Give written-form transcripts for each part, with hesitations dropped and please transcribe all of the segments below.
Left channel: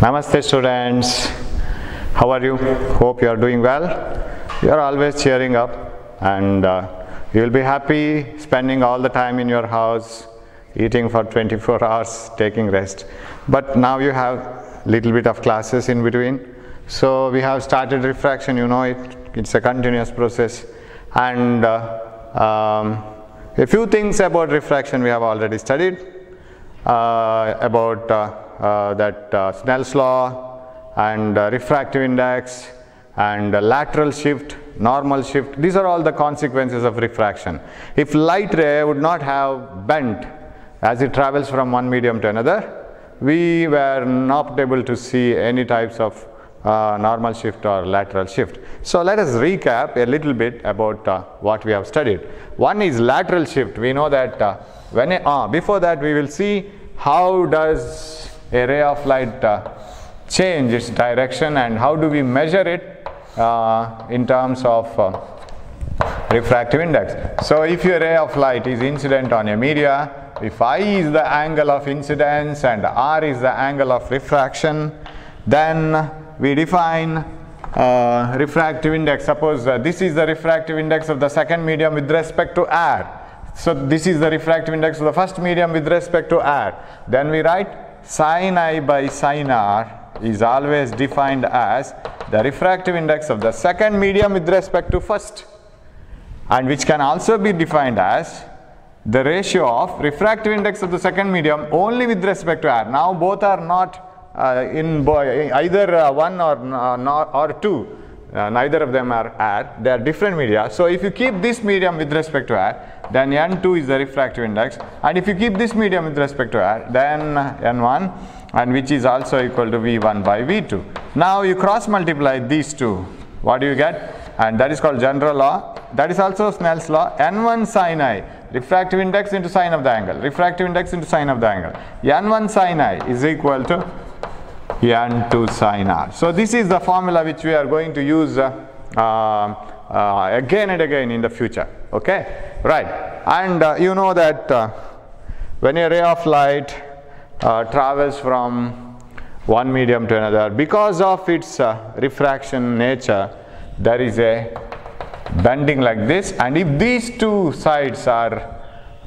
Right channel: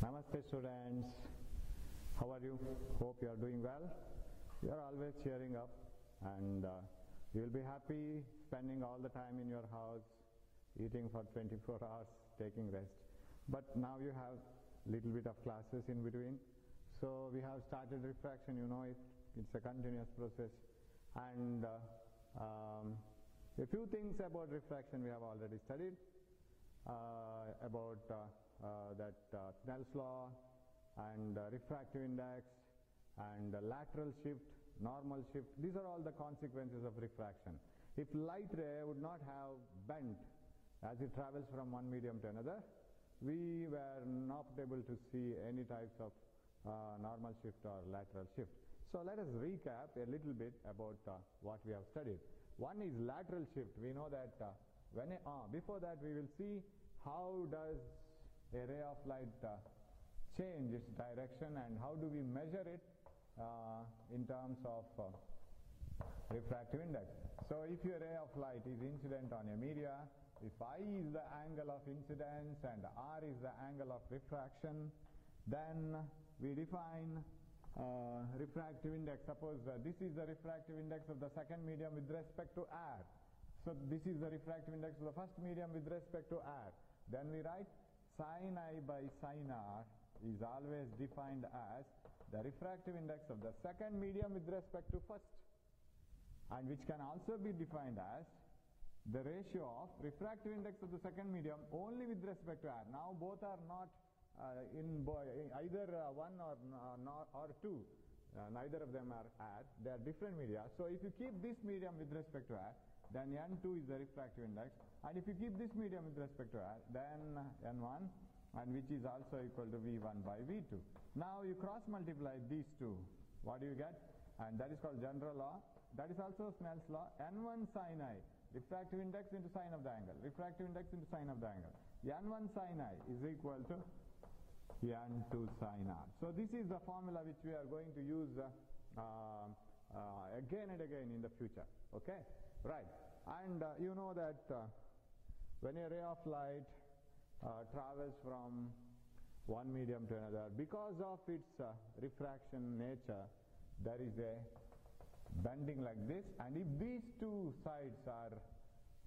Namaste students, how are you? Hope you are doing well. You are always cheering up and you will be happy spending all the time in your house, eating for 24 hours, taking rest. But now you have little bit of classes in between. So we have started refraction, you know it, it's a continuous process. And a few things about refraction we have already studied, about Snell's law and refractive index and lateral shift, normal shift. These are all the consequences of refraction. If light ray would not have bent as it travels from one medium to another, we were not able to see any types of normal shift or lateral shift. So let us recap a little bit about what we have studied. One is lateral shift. We know that before that we will see how does a ray of light change its direction and how do we measure it in terms of refractive index. So if your ray of light is incident on a media, if I is the angle of incidence and R is the angle of refraction, then we define refractive index. Suppose this is the refractive index of the second medium with respect to R. So this is the refractive index of the first medium with respect to R. Then we write sin I by sin R is always defined as the refractive index of the second medium with respect to first, and which can also be defined as the ratio of refractive index of the second medium only with respect to R. Now both are not either 1 or 2. Neither of them are R, they are different media. So if you keep this medium with respect to R, then N2 is the refractive index, and if you keep this medium with respect to R, then N1, and which is also equal to V1 by V2. Now you cross multiply these two, what do you get? And that is called general law. That is also Snell's law. N1 sin I, refractive index into sine of the angle, refractive index into sine of the angle. N1 sin I is equal to N2 sin R. So this is the formula which we are going to use again and again in the future. Okay, right. And you know that when a ray of light travels from one medium to another, because of its refraction nature, there is a bending like this, and if these two sides are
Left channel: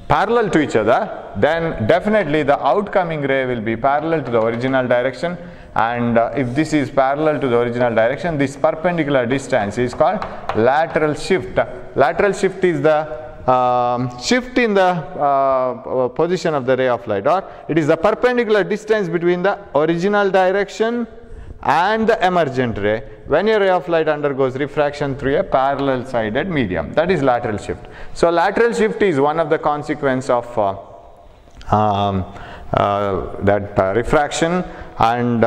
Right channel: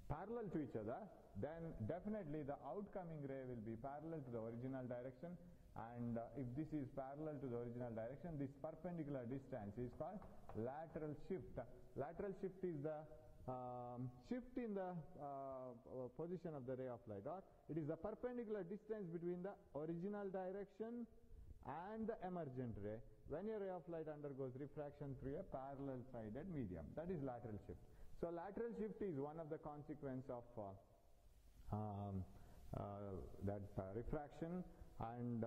parallel to each other, then definitely the outcoming ray will be parallel to the original direction, and if this is parallel to the original direction, this perpendicular distance is called lateral shift. Lateral shift is the shift in the position of the ray of light, or it is the perpendicular distance between the original direction and the emergent ray when a ray of light undergoes refraction through a parallel sided medium. That is lateral shift. So lateral shift is one of the consequences of refraction, and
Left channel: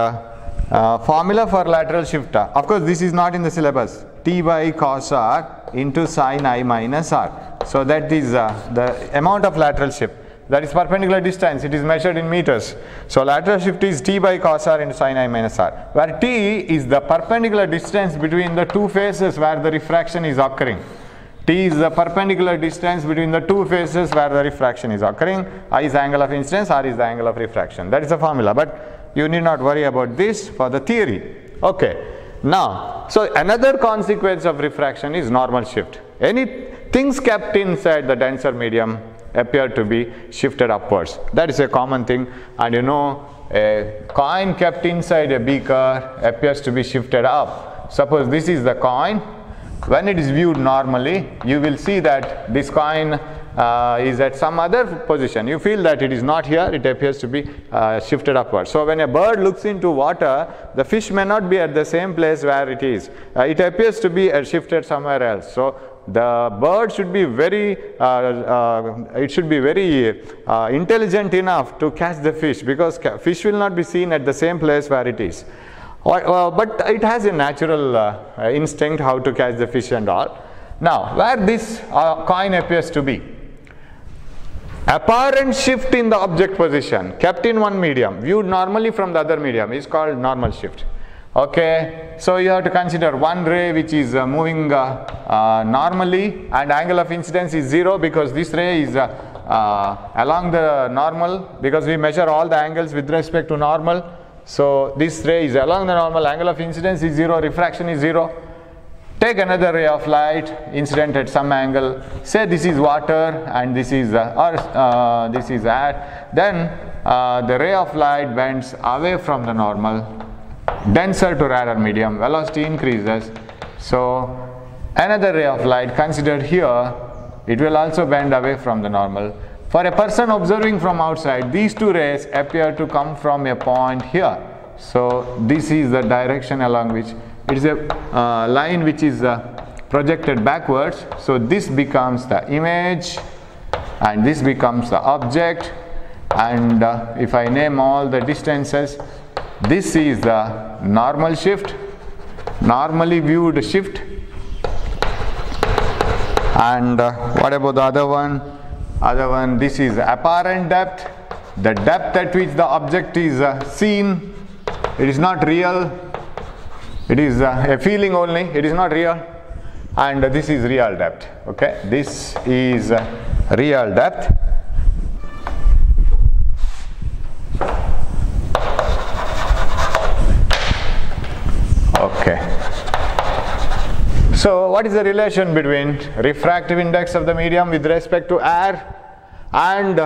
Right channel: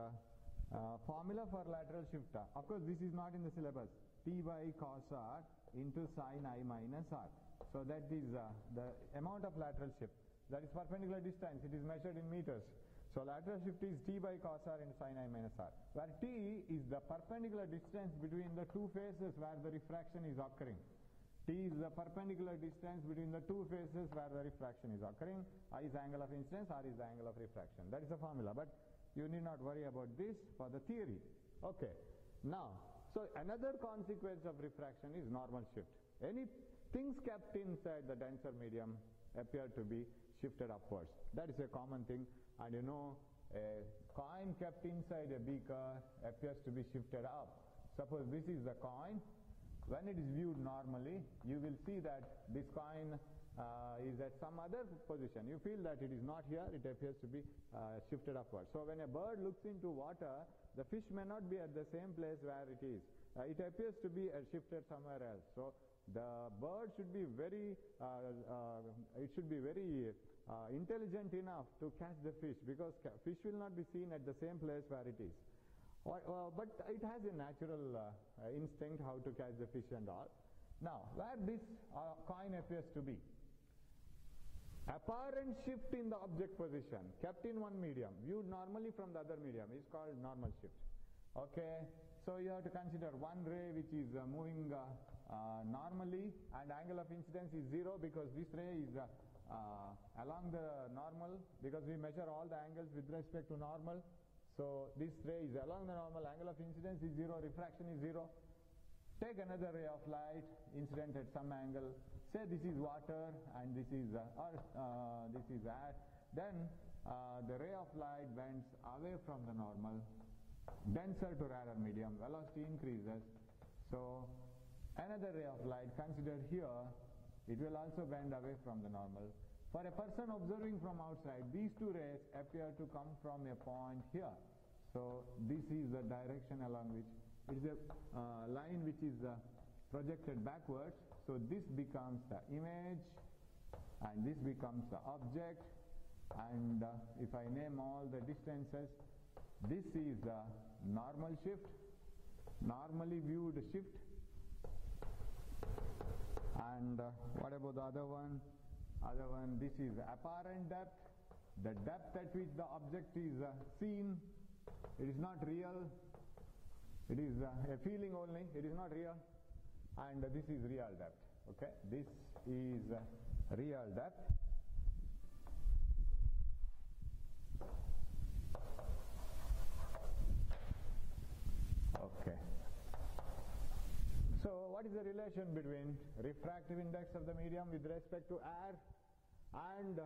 formula for lateral shift, of course this is not in the syllabus, T by cos R into sin I minus R. So that is the amount of lateral shift. That is perpendicular distance, it is measured in meters. So lateral shift is T by cos R into sin I minus R, where T is the perpendicular distance between the two faces where the refraction is occurring. T is the perpendicular distance between the two faces where the refraction is occurring. I is the angle of incidence, R is the angle of refraction. That is the formula, but you need not worry about this for the theory. Okay. Now, so another consequence of refraction is normal shift. Any things kept inside the denser medium appear to be shifted upwards. That is a common thing, and you know a coin kept inside a beaker appears to be shifted up. Suppose this is the coin. When it is viewed normally, you will see that this coin is at some other position. You feel that it is not here, it appears to be shifted upwards. So when a bird looks into water, the fish may not be at the same place where it is. It appears to be shifted somewhere else. So the bird should be very intelligent enough to catch the fish, because fish will not be seen at the same place where it is. But it has a natural instinct how to catch the fish and all. Now, where this coin appears to be, apparent shift in the object position kept in one medium viewed normally from the other medium is called normal shift. Okay, so you have to consider one ray which is moving normally, and angle of incidence is 0 because this ray is along the normal, because we measure all the angles with respect to normal. So this ray is along the normal, angle of incidence is 0, refraction is 0. Take another ray of light incident at some angle, say this is water and this is this is air, then the ray of light bends away from the normal, denser to rarer medium, velocity increases. So another ray of light considered here, it will also bend away from the normal. For a person observing from outside, these two rays appear to come from a point here. So this is the direction along which it is a line which is projected backwards. So this becomes the image and this becomes the object, and if I name all the distances, this is the normal shift, normally viewed shift. And what about the other one? Other one, this is apparent depth, the depth at which the object is seen. It is not real, it is a feeling only, it is not real. And this is real depth. Okay, this is real depth. Okay. So what is the relation between refractive index of the medium with respect to air and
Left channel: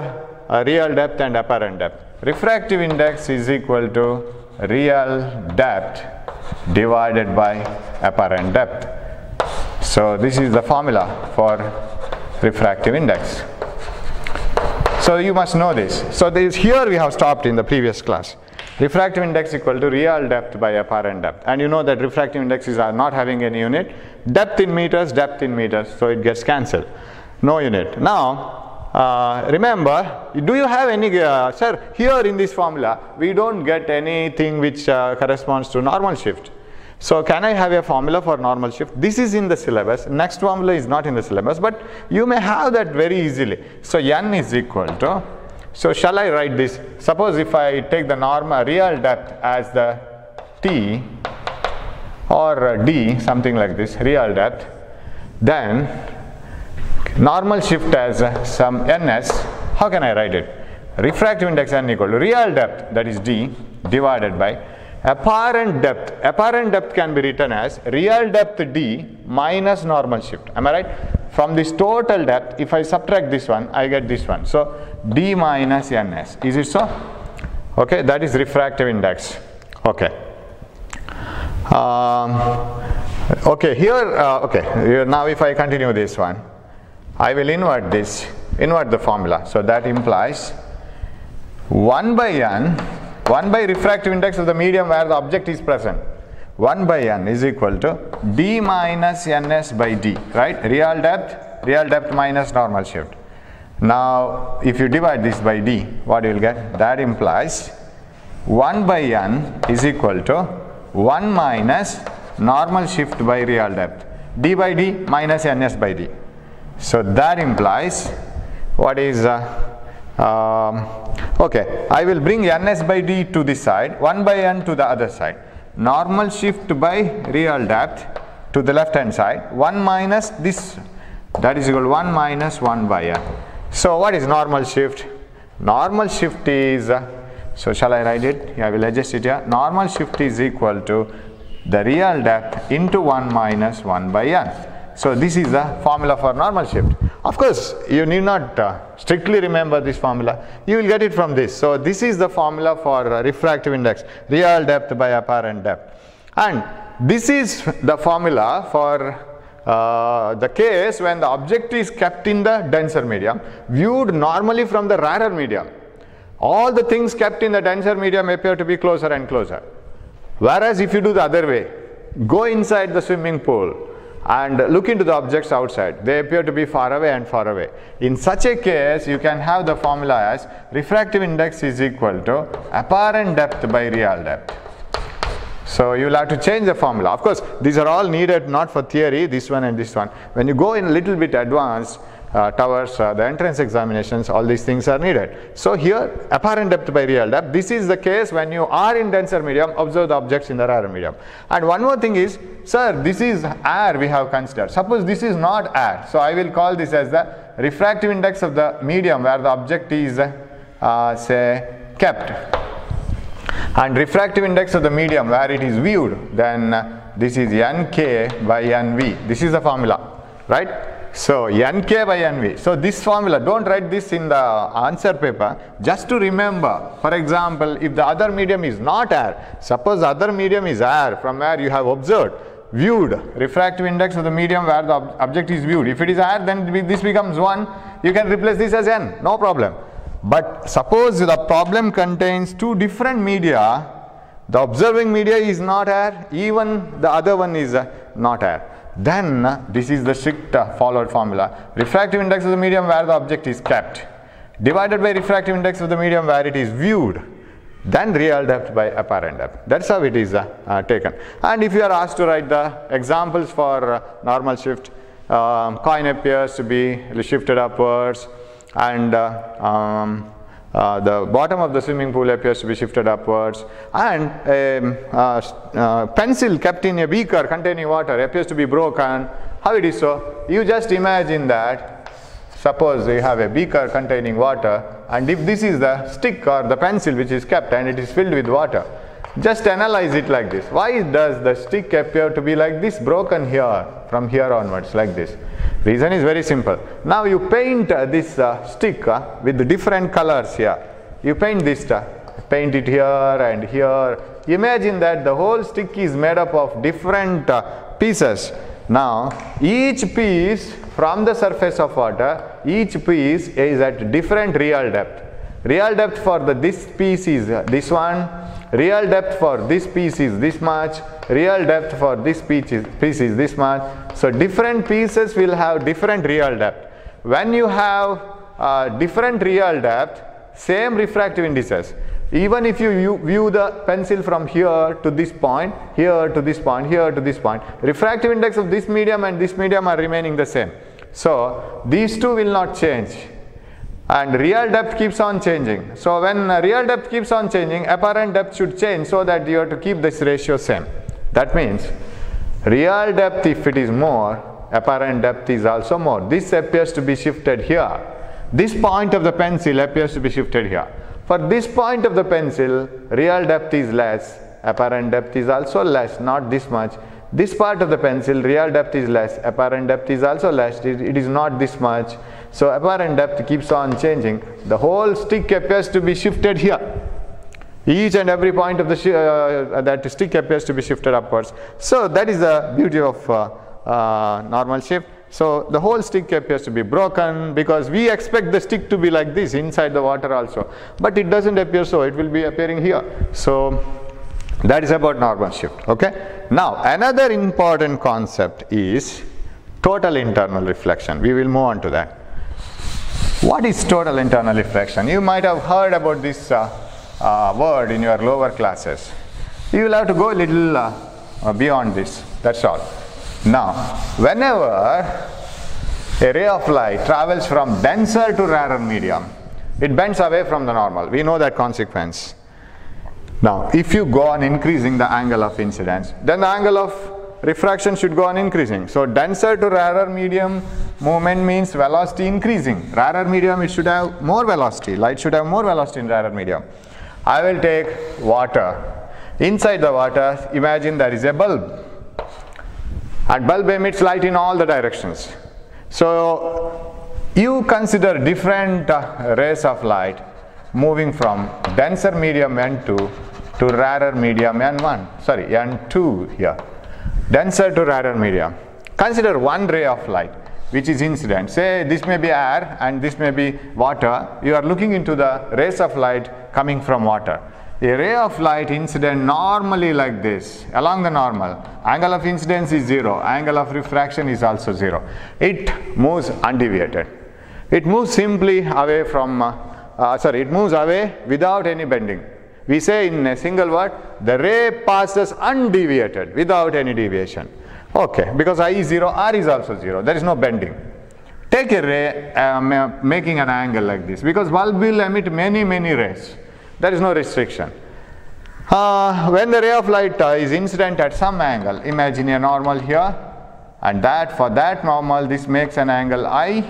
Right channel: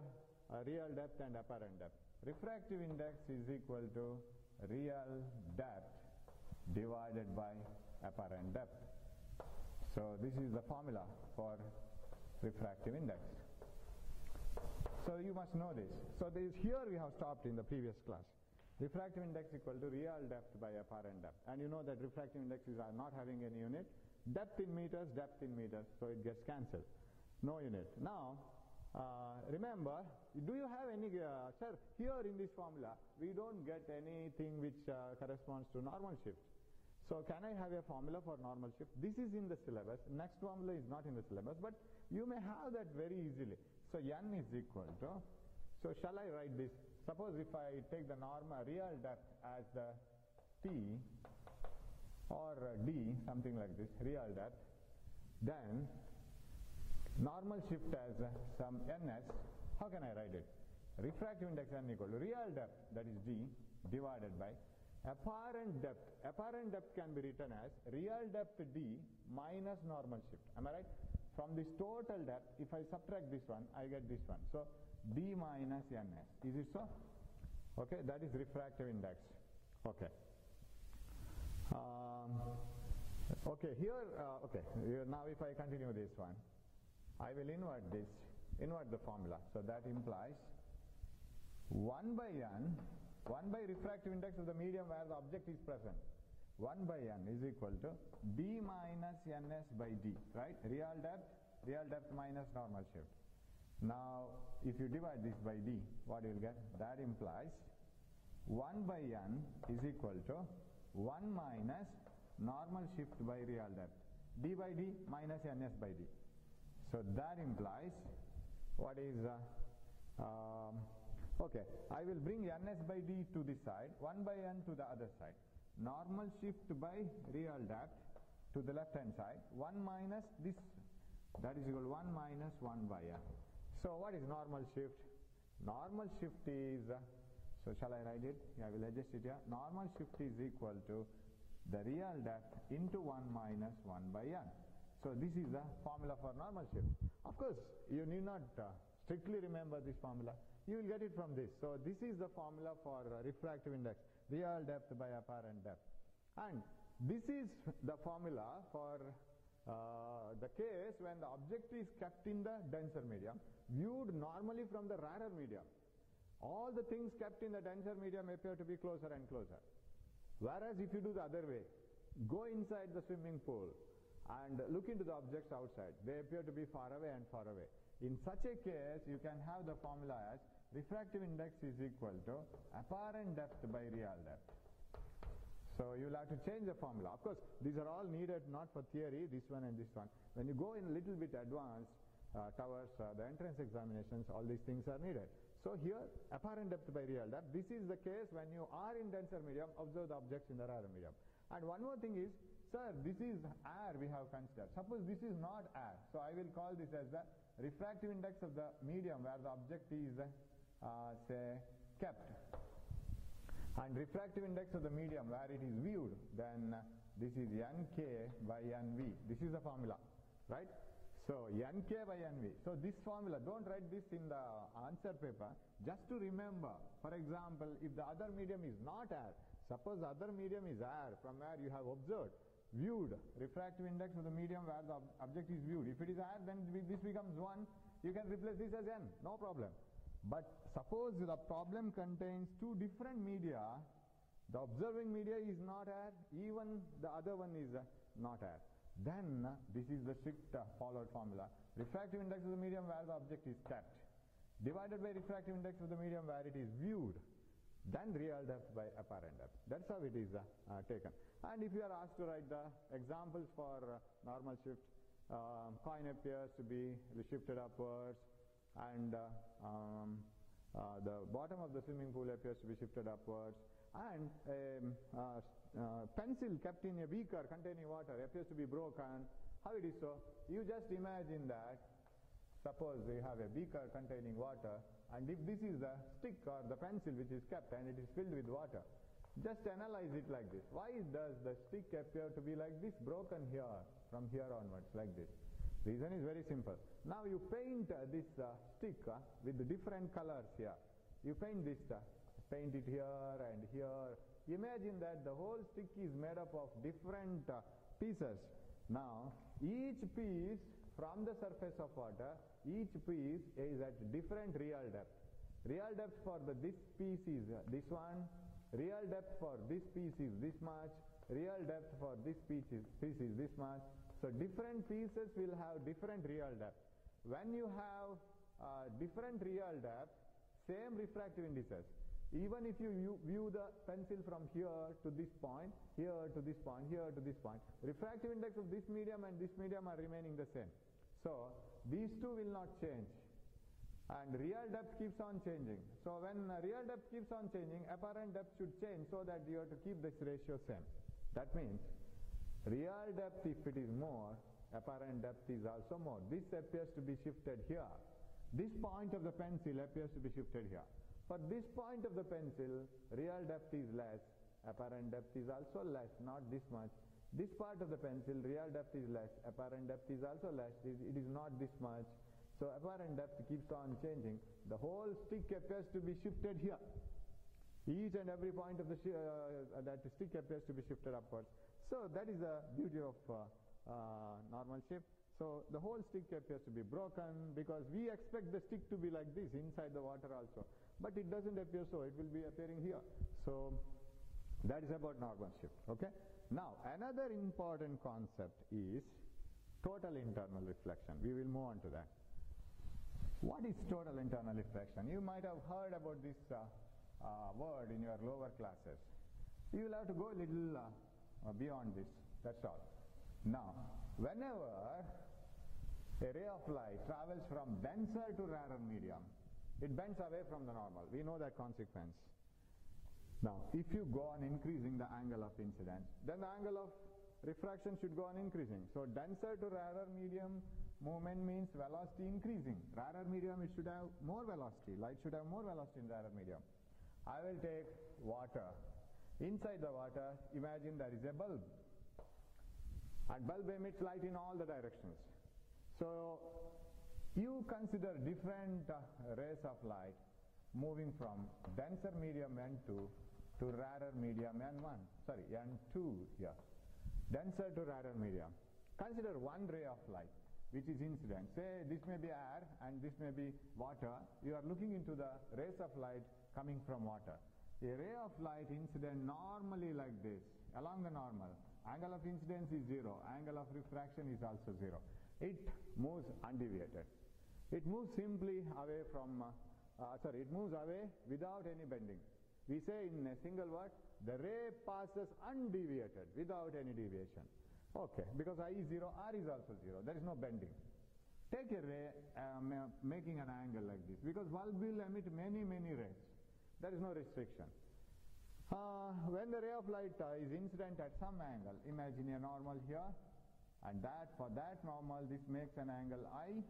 real depth and apparent depth? Refractive index is equal to real depth divided by apparent depth. So this is the formula for refractive index. So you must know this. So here we have stopped in the previous class. Refractive index equal to real depth by apparent depth. And you know that refractive indexes are not having any unit. Depth in meters, so it gets cancelled. No unit. Now, remember, do you have any, sir, here in this formula, we don't get anything which corresponds to normal shift. So can I have a formula for normal shift? This is in the syllabus. Next formula is not in the syllabus, but you may have that very easily. So n is equal to, so shall I write this? Suppose if I take the normal real depth as the T or D, something like this, real depth, then normal shift as some ns, how can I write it? Refractive index n equal to real depth, that is D, divided by apparent depth. Apparent depth can be written as real depth D minus normal shift. Am I right? From this total depth, if I subtract this one, I get this one. So D minus ns. Is it so? Okay, that is refractive index. Okay. Okay, here, now if I continue this one, I will invert this, invert the formula. So that implies 1 by n, 1 by refractive index of the medium where the object is present. 1 by n is equal to D minus ns by D, right? Real depth minus normal shift. Now, if you divide this by D, what you will get? That implies 1 by n is equal to 1 minus normal shift by real depth. D by D minus ns by D. So that implies what is, okay, I will bring ns by D to this side, 1 by n to the other side. Normal shift by real depth to the left hand side, 1 minus this, that is equal to 1 minus 1 by n. So what is normal shift? Normal shift is, so shall I write it? I will adjust it here. Normal shift is equal to the real depth into 1 minus 1 by n. So this is the formula for normal shift. Of course, you need not strictly remember this formula. You will get it from this. So this is the formula for refractive index, real depth by apparent depth. And this is the formula for the case when the object is kept in the denser medium, viewed normally from the rarer medium. All the things kept in the denser medium appear to be closer and closer. Whereas if you do the other way, go inside the swimming pool and look into the objects outside, they appear to be far away and far away. In such a case, you can have the formula as refractive index is equal to apparent depth by real depth. So you will have to change the formula. Of course, these are all needed not for theory, this one and this one. When you go in a little bit advanced towards the entrance examinations, all these things are needed. So here, apparent depth by real depth, this is the case when you are in denser medium, observe the objects in the rarer medium. And one more thing is, sir, this is air we have considered. Suppose this is not air. So I will call this as the refractive index of the medium where the object is, say, kept. And refractive index of the medium where it is viewed, then this is Nk by Nv. This is the formula, right? So Nk by Nv. So this formula, don't write this in the answer paper, just to remember. For example, if the other medium is not air, suppose the other medium is air from where you have observed, viewed, refractive index of the medium where the object is viewed. If it is air, then this becomes 1. You can replace this as N, no problem. But suppose the problem contains two different media, the observing media is not air, even the other one is not air. Then this is the strict followed formula. Refractive index of the medium where the object is kept, divided by refractive index of the medium where it is viewed, then real depth by apparent depth. That's how it is taken. And if you are asked to write the examples for normal shift, coin appears to be shifted upwards, and the bottom of the swimming pool appears to be shifted upwards, and a pencil kept in a beaker containing water appears to be broken. How it is so? You just imagine that, suppose you have a beaker containing water, and if this is the stick or the pencil which is kept and it is filled with water, just analyze it like this. Why does the stick appear to be like this, broken here, from here onwards, like this? Reason is very simple. Now you paint this stick with the different colors here. You paint this, paint it here and here. Imagine that the whole stick is made up of different pieces. Now each piece from the surface of water, each piece is at different real depth. Real depth for this piece is this one. Real depth for this piece is this much. Real depth for this piece is this much. So different pieces will have different real depth. When you have different real depth, same refractive indices. Even if you view the pencil from here to this point, here to this point, here to this point, refractive index of this medium and this medium are remaining the same. So these two will not change. And real depth keeps on changing. So when real depth keeps on changing, apparent depth should change so that you have to keep this ratio same. That means real depth, if it is more, apparent depth is also more. This appears to be shifted here. This point of the pencil appears to be shifted here. For this point of the pencil, real depth is less, apparent depth is also less, not this much. This part of the pencil, real depth is less, apparent depth is also less, it is not this much. So apparent depth keeps on changing. The whole stick appears to be shifted here. Each and every point of the that stick appears to be shifted upwards. So that is the beauty of normal shift. So the whole stick appears to be broken because we expect the stick to be like this inside the water also. But it doesn't appear so, it will be appearing here. So that is about normal shift. Okay. Now another important concept is total internal reflection. We will move on to that. What is total internal reflection? You might have heard about this word in your lower classes. You will have to go a little beyond this, that's all. Now, whenever a ray of light travels from denser to rarer medium, it bends away from the normal. We know that consequence. Now, if you go on increasing the angle of incidence, then the angle of refraction should go on increasing. So denser to rarer medium movement means velocity increasing. Rarer medium, it should have more velocity. Light should have more velocity in rarer medium. I will take water. Inside the water, imagine there is a bulb. And bulb emits light in all the directions. So you consider different rays of light moving from denser medium N2 to rarer medium N1. Sorry, N2 here. Denser to rarer medium. Consider one ray of light which is incident. Say this may be air and this may be water. You are looking into the rays of light coming from water. A ray of light incident normally like this, along the normal. Angle of incidence is 0. Angle of refraction is also 0. It moves undeviated. It moves simply away from, it moves away without any bending. We say in a single word, the ray passes undeviated, without any deviation. Okay, because I is 0, R is also 0. There is no bending. Take a ray making an angle like this, because bulb will emit many rays. There is no restriction. When the ray of light is incident at some angle, imagine a normal here, and that for that normal this makes an angle I,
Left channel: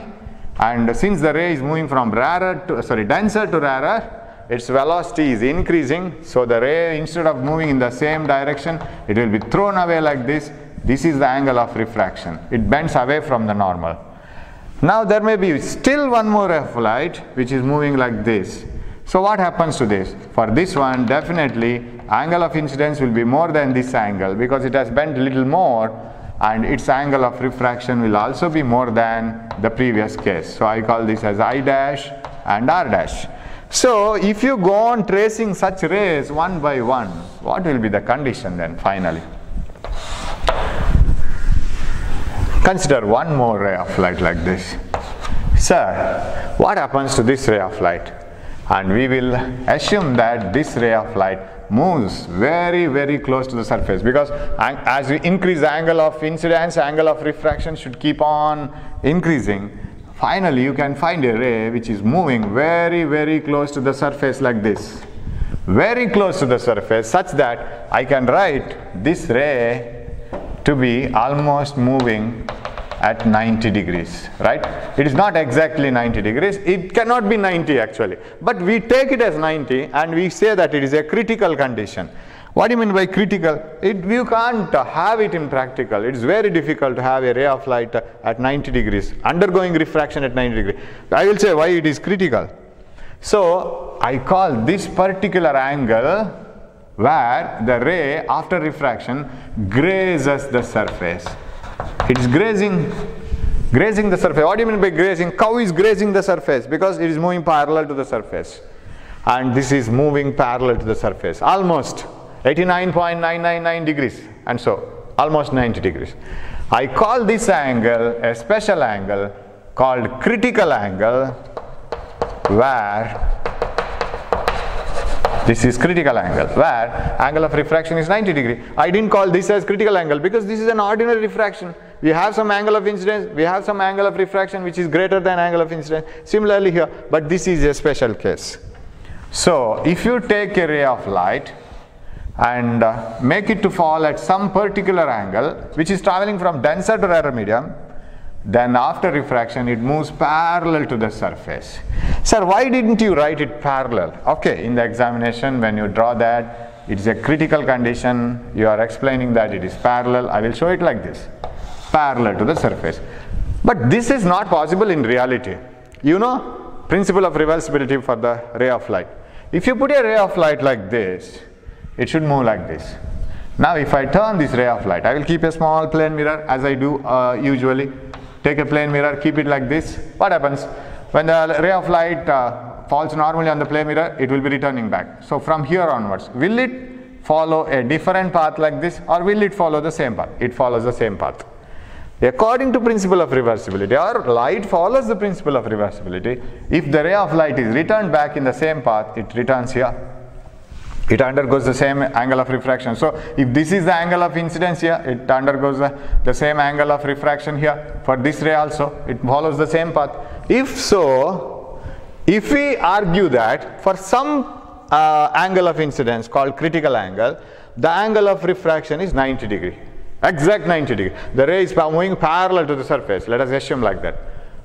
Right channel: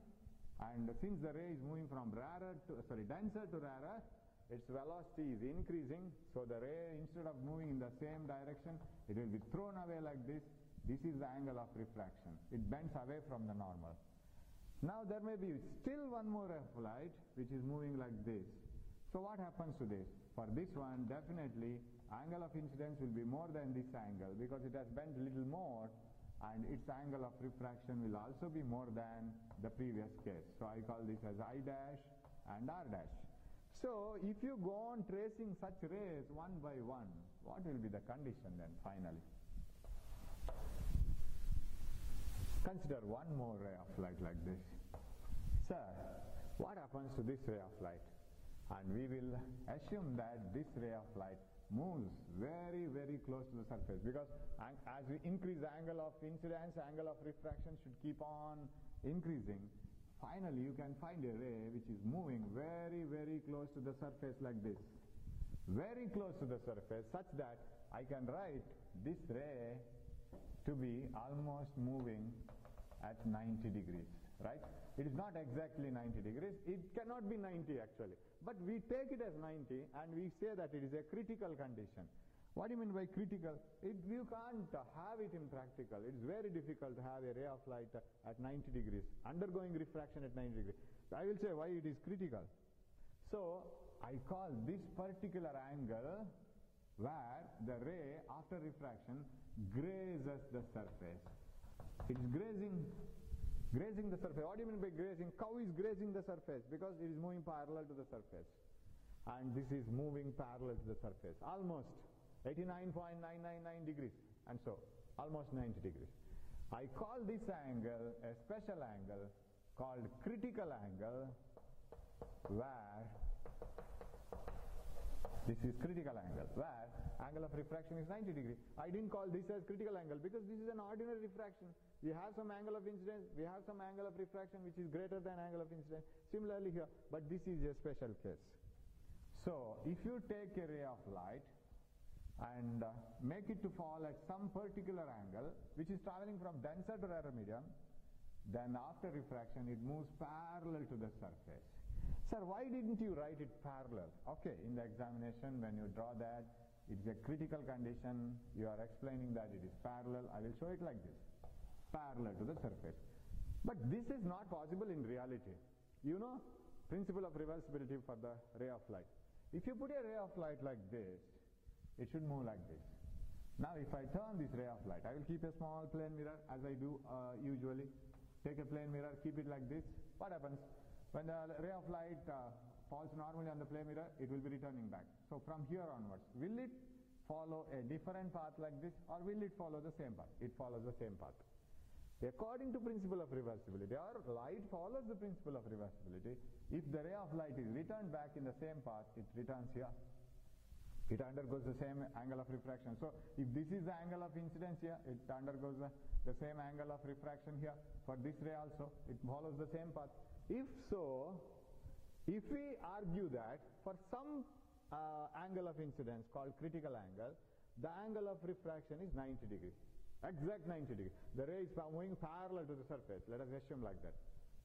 and since the ray is moving from denser to rarer, its velocity is increasing, so the ray, instead of moving in the same direction, it will be thrown away like this. This is the angle of refraction. It bends away from the normal. Now there may be still one more ray of light which is moving like this. So what happens to this? For this one, definitely angle of incidence will be more than this angle because it has bent a little more, and its angle of refraction will also be more than the previous case. So I call this as I dash and R dash. So if you go on tracing such rays one by one, what will be the condition then finally? Consider one more ray of light like this. Sir, what happens to this ray of light? And we will assume that this ray of light moves very, very close to the surface, because as we increase the angle of incidence, angle of refraction should keep on increasing. Finally, you can find a ray which is moving very, very close to the surface like this. Very close to the surface, such that I can write this ray to be almost moving at 90 degrees, right? It is not exactly 90 degrees. It cannot be 90 actually. But we take it as 90 and we say that it is a critical condition. What do you mean by critical? You can't have it in practical. It is very difficult to have a ray of light at 90 degrees, undergoing refraction at 90 degrees. I will say why it is critical. So I call this particular angle where the ray after refraction grazes the surface. It is grazing the surface. What do you mean by grazing? Cow is grazing the surface because it is moving parallel to the surface. And this is moving parallel to the surface. Almost 89.999 degrees, and so almost 90 degrees. I call this angle a special angle called critical angle, where this is critical angle, where angle of refraction is 90 degrees. I didn't call this as critical angle because this is an ordinary refraction. We have some angle of incidence, we have some angle of refraction which is greater than angle of incidence. Similarly here, but this is a special case. So if you take a ray of light and make it to fall at some particular angle which is traveling from denser to rarer medium, then after refraction it moves parallel to the surface. Sir, why didn't you write it parallel? Okay, in the examination when you draw that, it is a critical condition, you are explaining that it is parallel. I will show it like this, parallel to the surface. But this is not possible in reality. You know, principle of reversibility for the ray of light. If you put a ray of light like this, it should move like this. Now if I turn this ray of light, I will keep a small plane mirror as I do usually. Take a plane mirror, keep it like this. What happens? When the ray of light falls normally on the plane mirror, it will be returning back. So from here onwards, will it follow a different path like this, or will it follow the same path? It follows the same path. According to principle of reversibility, or light follows the principle of reversibility, if the ray of light is returned back in the same path, it returns here. It undergoes the same angle of refraction. So if this is the angle of incidence here, it undergoes the same angle of refraction here. For this ray also, it follows the same path. If so, if we argue that for some angle of incidence called critical angle, the angle of refraction is 90 degree, exact 90 degree. The ray is moving parallel to the surface. Let us assume like that.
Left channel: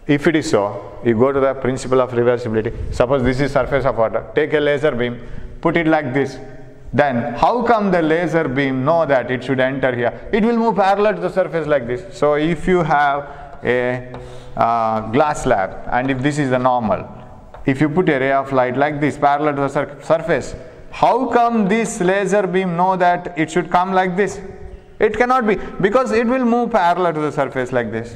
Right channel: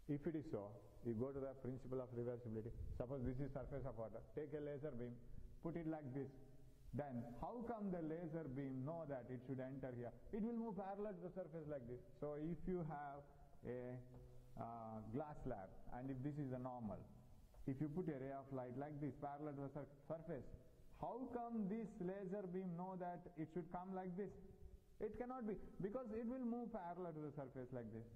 If it is so, you go to the principle of reversibility. Suppose this is surface of water. Take a laser beam, put it like this. Then how come the laser beam know that it should enter here? It will move parallel to the surface like this. So if you have a glass slab, and if this is the normal, if you put a ray of light like this parallel to the surface, how come this laser beam know that it should come like this? It cannot be, because it will move parallel to the surface like this.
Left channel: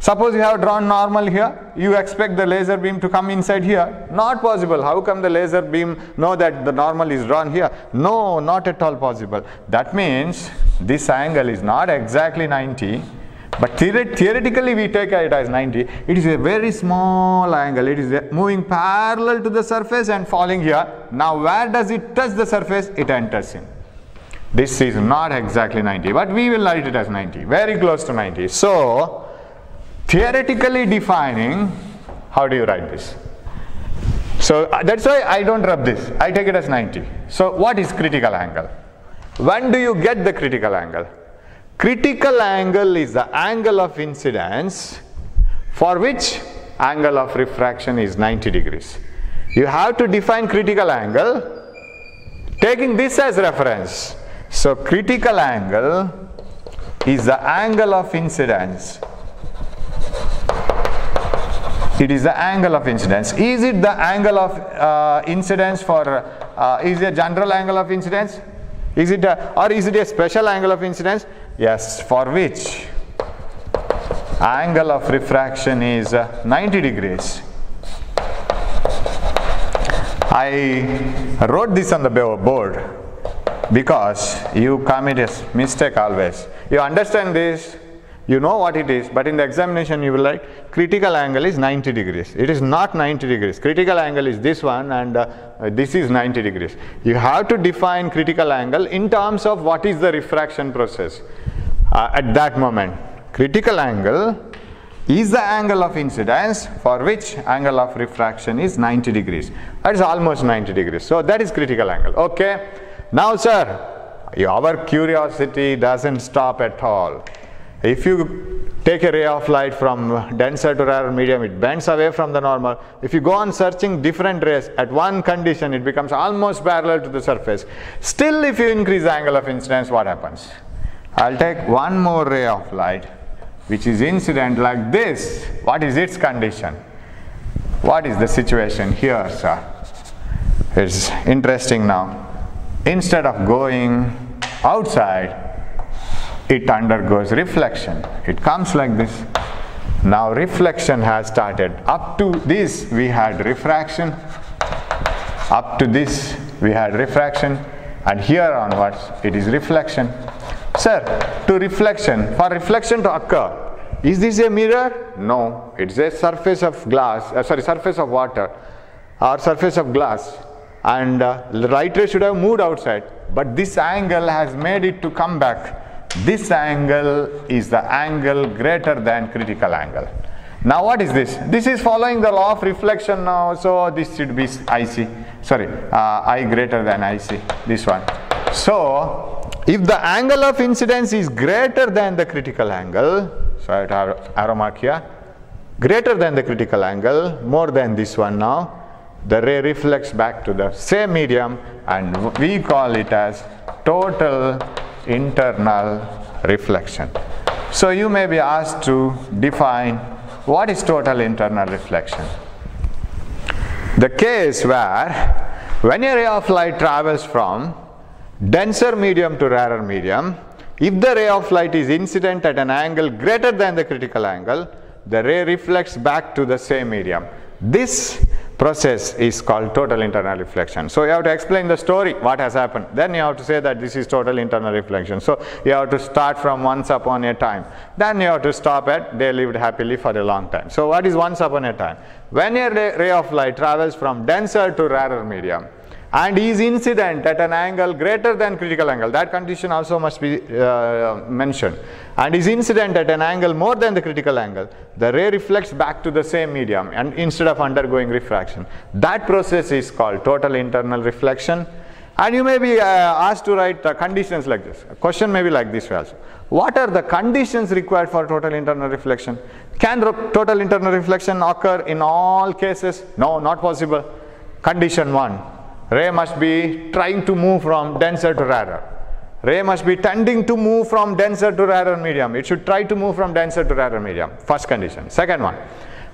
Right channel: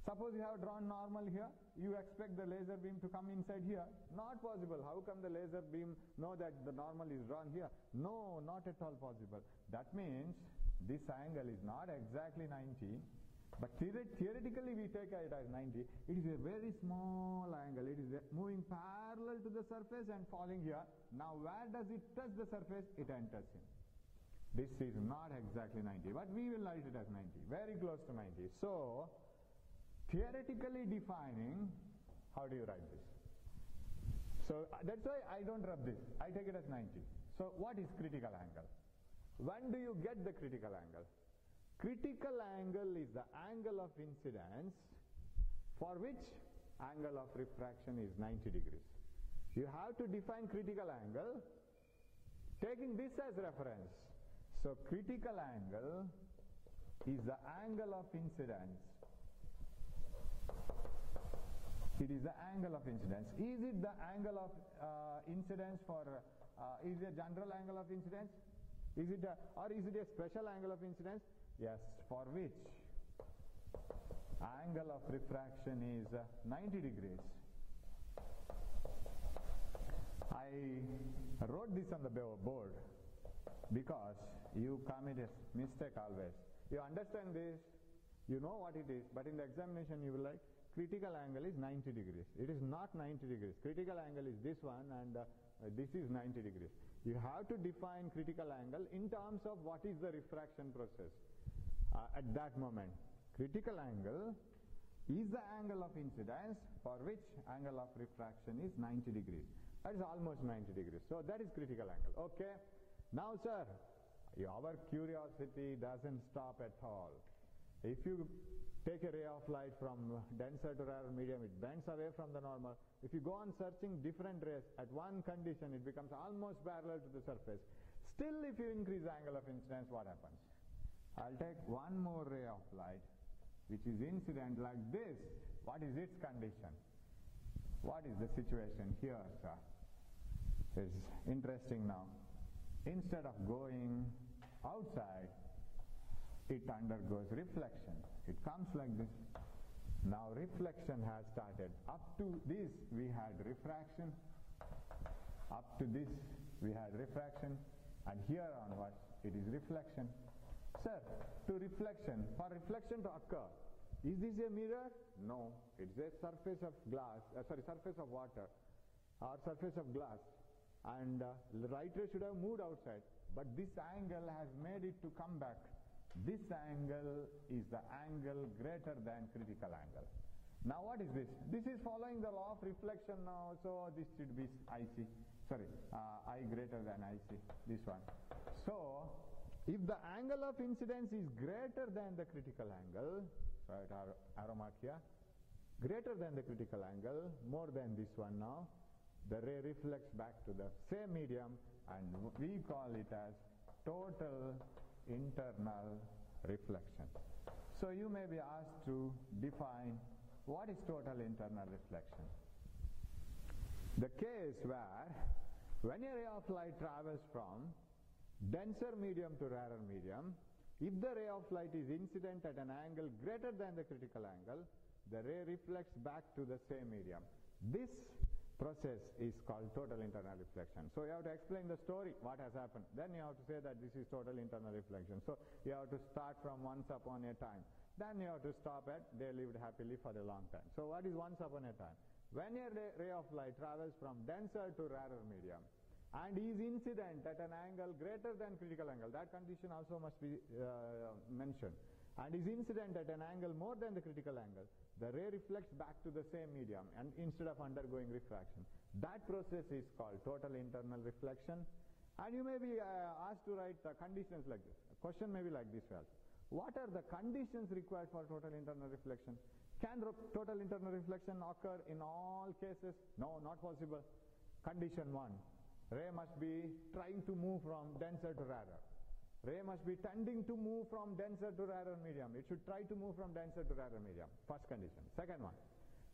Suppose you have drawn normal here, you expect the laser beam to come inside here. Not possible. How come the laser beam know that the normal is drawn here? No, not at all possible. That means this angle is not exactly 90, but theoretically we take it as 90. It is a very small angle. It is moving parallel to the surface and falling here. Now where does it touch the surface? It enters in. This is not exactly 90, but we will write it as 90, very close to 90. So theoretically defining, how do you write this? So that's why I don't rub this. I take it as 90. So what is critical angle? When do you get the critical angle? Critical angle is the angle of incidence for which angle of refraction is 90 degrees. You have to define critical angle taking this as reference. So critical angle is the angle of incidence. It is the angle of incidence. Is it the angle of incidence for, is it a general angle of incidence? Is it or is it a special angle of incidence? Yes, for which angle of refraction is 90 degrees. I wrote this on the board because you commit a mistake always. You understand this, you know what it is, but in the examination you will write critical angle is 90 degrees. It is not 90 degrees. Critical angle is this one, and this is 90 degrees. You have to define critical angle in terms of what is the refraction process at that moment. Critical angle is the angle of incidence for which angle of refraction is 90 degrees. That is almost 90 degrees. So that is critical angle. Okay. Now, sir, our curiosity doesn't stop at all. If you take a ray of light from denser to rarer medium, it bends away from the normal. If you go on searching different rays, at one condition it becomes almost parallel to the surface. Still, if you increase the angle of incidence, what happens? I'll take one more ray of light which is incident like this. What is its condition? What is the situation here, sir? It's interesting now. Instead of going outside, it undergoes reflection. It comes like this. Now reflection has started. Up to this we had refraction. Up to this we had refraction. And here onwards it is reflection. Sir, for reflection to occur, is this a mirror? No, it's a surface of glass, surface of water or surface of glass, and the light ray should have moved outside, but this angle has made it to come back. This angle is the angle greater than critical angle. Now what is this? This is following the law of reflection now, so this should be IC, I greater than IC, this one. So if the angle of incidence is greater than the critical angle, so I have arrow mark here, greater than the critical angle, more than this one now, the ray reflects back to the same medium, and we call it as total internal reflection. So you may be asked to define what is total internal reflection. The case where when a ray of light travels from denser medium to rarer medium, if the ray of light is incident at an angle greater than the critical angle, the ray reflects back to the same medium. This process is called total internal reflection. So you have to explain the story, what has happened. Then you have to say that this is total internal reflection. So you have to start from once upon a time. Then you have to stop at they lived happily for a long time. So what is once upon a time? When a ray of light travels from denser to rarer medium and is incident at an angle greater than critical angle, that condition also must be mentioned, and is incident at an angle more than the critical angle, the ray reflects back to the same medium and instead of undergoing refraction. That process is called total internal reflection. And you may be asked to write conditions like this. A question may be like this also. What are the conditions required for total internal reflection? Can total internal reflection occur in all cases? No, not possible. Condition 1. Ray must be trying to move from denser to rarer. Ray must be tending to move from denser to rarer medium. It should try to move from denser to rarer medium. First condition. Second one,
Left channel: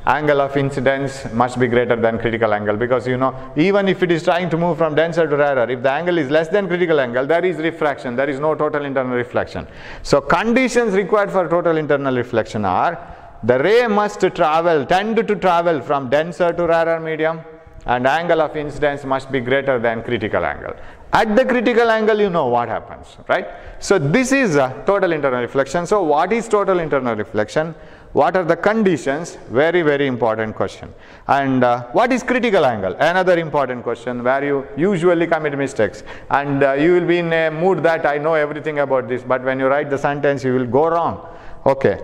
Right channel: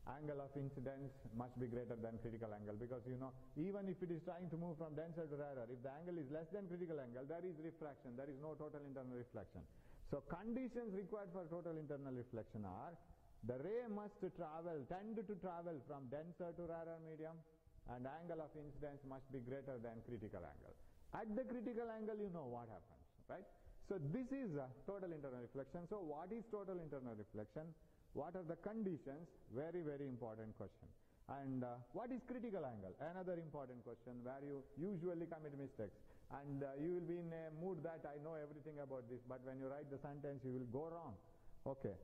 angle of incidence must be greater than critical angle, because you know, even if it is trying to move from denser to rarer, if the angle is less than critical angle, there is refraction. There is no total internal reflection. So conditions required for total internal reflection are: the ray must tend to travel from denser to rarer medium, and angle of incidence must be greater than critical angle. At the critical angle, you know what happens, right? So this is total internal reflection. So what is total internal reflection? What are the conditions? Very, very important question. And what is critical angle? Another important question where you usually commit mistakes. And you will be in a mood that I know everything about this, but when you write the sentence, you will go wrong. Okay.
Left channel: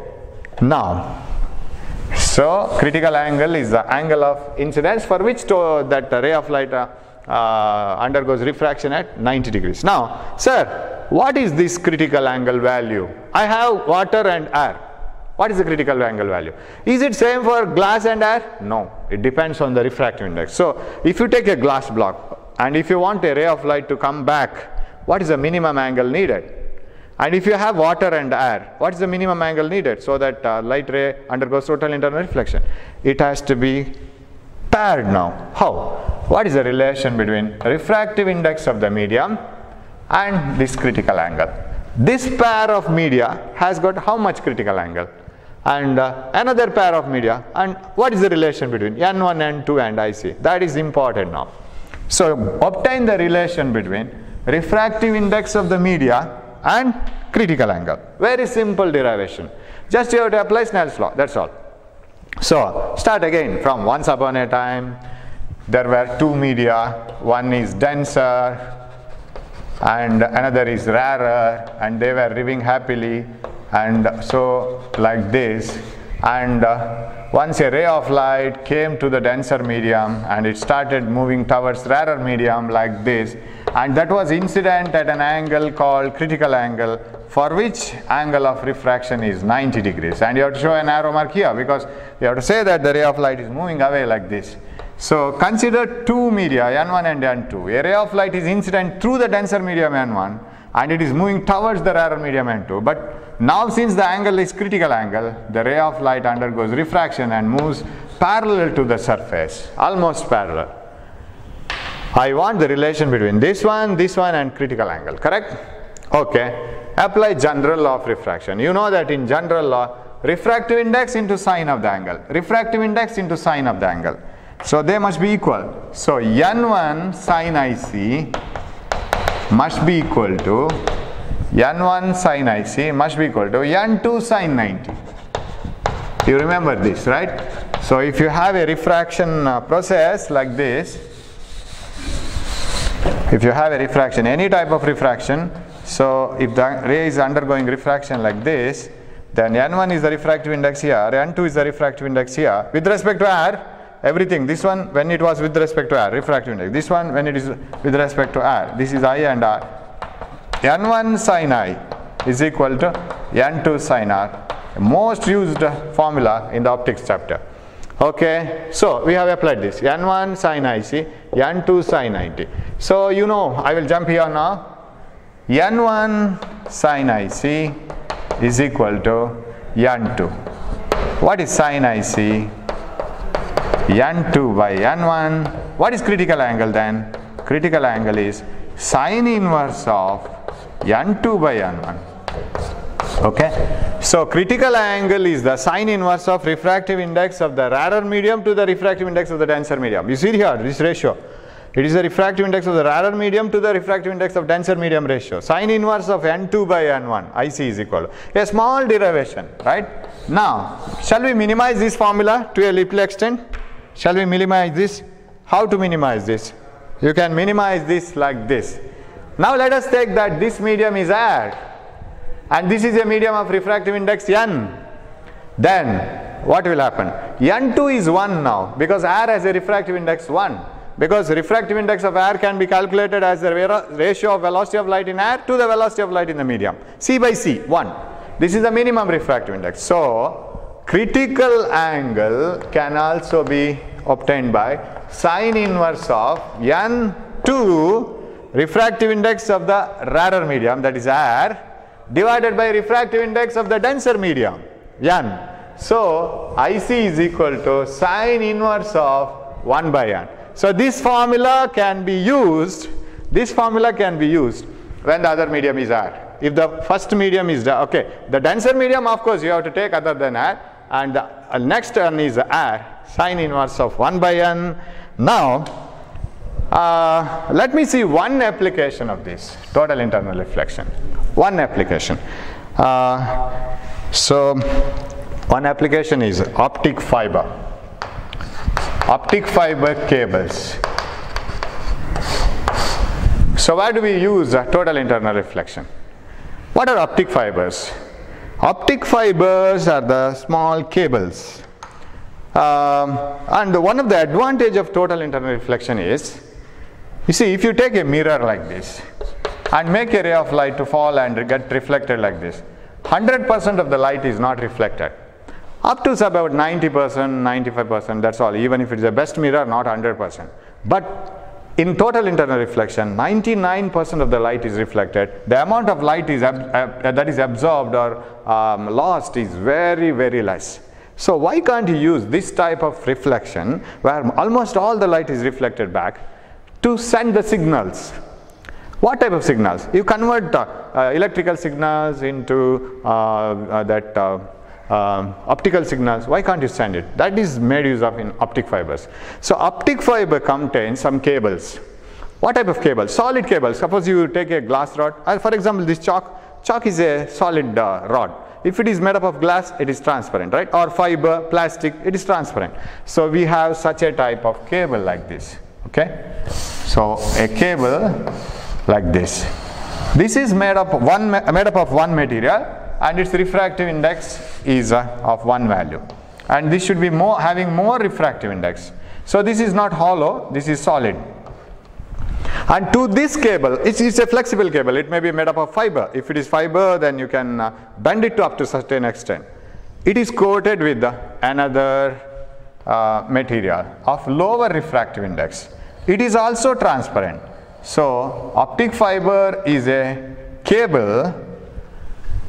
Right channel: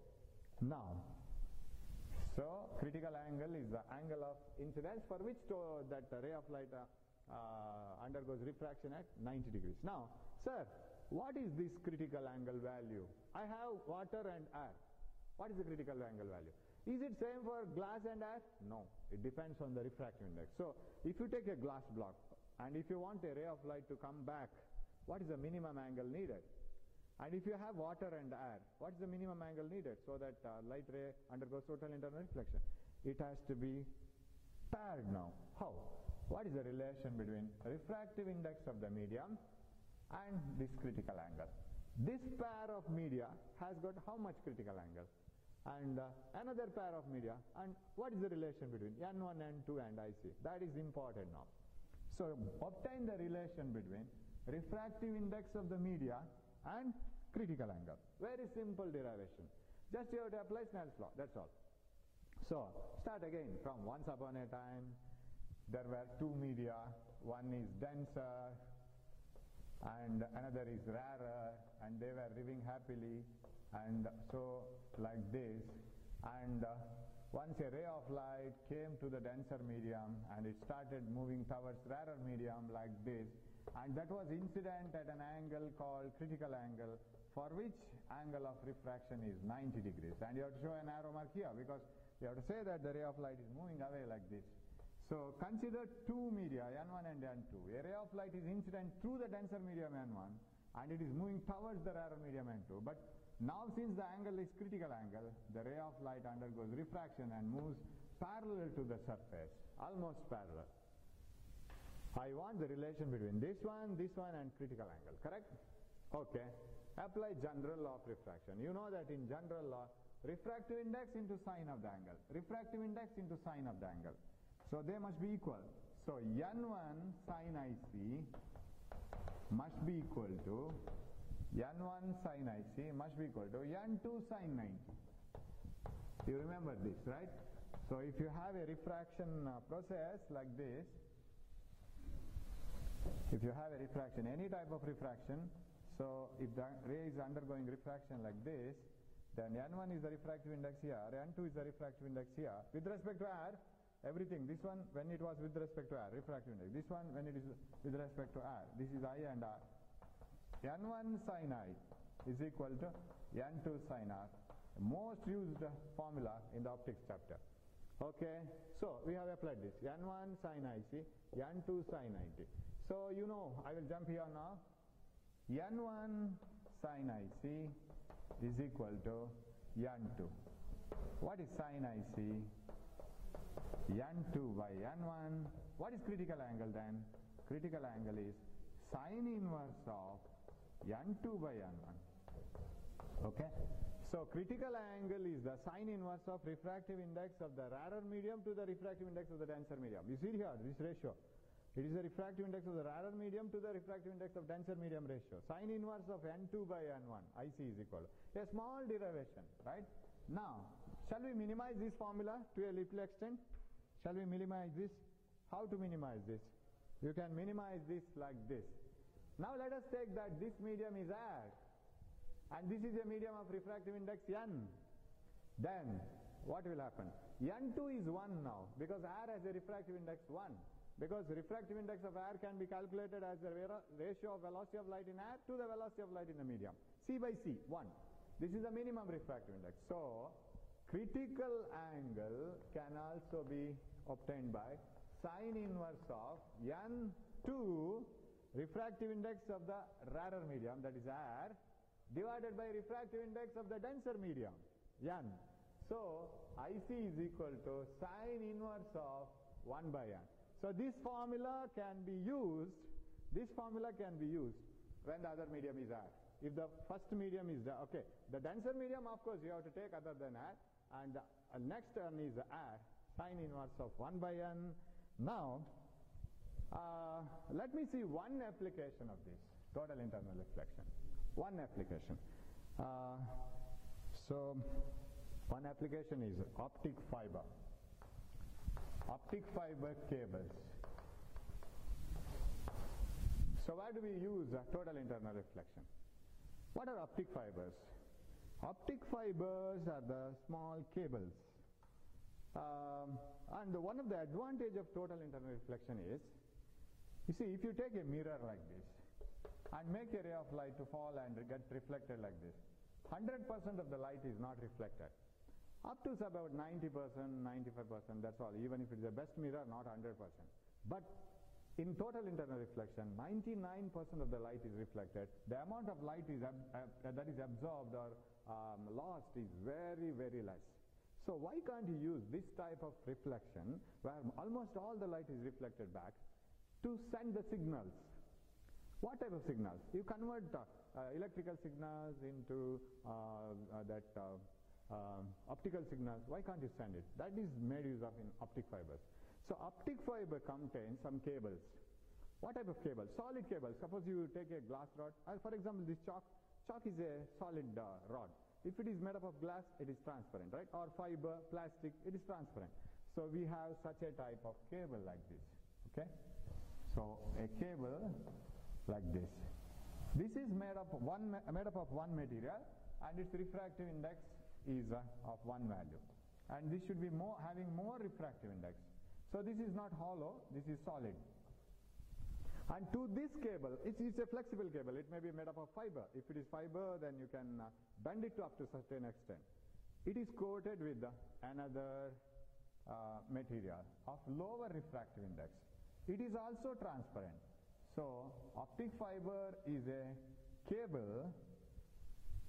Now, so critical angle is the angle of incidence for which that ray of light undergoes refraction at 90 degrees. Now, sir, what is this critical angle value? I have water and air. What is the critical angle value? Is it same for glass and air? No, it depends on the refractive index. So if you take a glass block and if you want a ray of light to come back, what is the minimum angle needed? And if you have water and air, what is the minimum angle needed so that light ray undergoes total internal reflection? It has to be paired now. How? What is the relation between refractive index of the medium and this critical angle? This pair of media has got how much critical angle? And another pair of media, and what is the relation between N1, N2 and IC? That is important now. So obtain the relation between refractive index of the media and critical angle. Very simple derivation. Just you have to apply Snell's law, that's all. So start again from once upon a time. There were two media, one is denser and another is rarer, and they were living happily, and so like this. And once a ray of light came to the denser medium and it started moving towards rarer medium like this, and that was incident at an angle called critical angle, for which angle of refraction is 90 degrees. And you have to show an arrow mark here because you have to say that the ray of light is moving away like this. So consider two media, N1 and N2. A ray of light is incident through the denser medium N1 and it is moving towards the rarer medium N2. But now since the angle is critical angle, the ray of light undergoes refraction and moves parallel to the surface, almost parallel. I want the relation between this one and critical angle, correct? Okay. Apply general law of refraction. You know that in general law, refractive index into sine of the angle, refractive index into sine of the angle. So they must be equal. So N1 sine IC must be equal to N1 sine IC must be equal to N2 sine 90. You remember this, right? So if you have a refraction process like this, if you have a refraction, any type of refraction, so if the ray is undergoing refraction like this, then N1 is the refractive index here, N2 is the refractive index here. With respect to air, everything, this one when it was with respect to air, refractive index, this one when it is with respect to air, this is I and R. N1 sin I is equal to N2 sin R, most used formula in the optics chapter. Okay, so we have applied this, N1 sin IC, N2 sin 90. So you know, I will jump here now. N1 sin IC is equal to N2. What is sin IC? N2 by N1. What is critical angle then? Critical angle is sine inverse of N2 by N1. Okay, so critical angle is the sine inverse of refractive index of the rarer medium to the refractive index of the denser medium. You see here this ratio. It is the refractive index of the rarer medium to the refractive index of denser medium ratio. Sine inverse of N2 by N1, IC is equal to a small derivation, right? Now, shall we minimize this formula to a little extent? Shall we minimize this? How to minimize this? You can minimize this like this. Now let us take that this medium is air and this is a medium of refractive index N. Then what will happen? N2 is 1 now because air has a refractive index 1. Because refractive index of air can be calculated as the ratio of velocity of light in air to the velocity of light in the medium. C by C, 1. This is the minimum refractive index. So critical angle can also be obtained by sine inverse of N2 refractive index of the rarer medium, that is air, divided by refractive index of the denser medium, N. So IC is equal to sine inverse of 1 by N. So this formula can be used, when the other medium is air. If the first medium is, okay, the denser medium of course you have to take other than air, and the next one is air, sine inverse of 1 by N. Now, let me see one application of this, total internal reflection. One application. So, one application is optic fiber. Optic fiber cables. So where do we use total internal reflection? What are optic fibers? Optic fibers are the small cables. And one of the advantage of total internal reflection is, you see, if you take a mirror like this and make a ray of light to fall and get reflected like this, 100% of the light is not reflected. Up to about 90%, 95%, that's all. Even if it is the best mirror, not 100%. But in total internal reflection, 99% of the light is reflected. The amount of light that is absorbed or lost is very, very less. So why can't you use this type of reflection where almost all the light is reflected back to send the signals? What type of signals? You convert electrical signals into optical signals. Why can't you send it? That is made use of in optic fibers. So optic fiber contains some cables. What type of cables? Solid cables. Suppose you take a glass rod. For example, this chalk is a solid rod. If it is made up of glass, it is transparent, right? Or fiber, plastic, it is transparent. So we have such a type of cable like this. Okay? So a cable like this. This is made up of one material, and its refractive index is of one value, and this should be having more refractive index. So this is not hollow, this is solid. And to this cable, it's a flexible cable. It may be made up of fiber. If it is fiber, then you can bend it to up to a certain extent. It is coated with another material of lower refractive index. It is also transparent. So optic fiber is a cable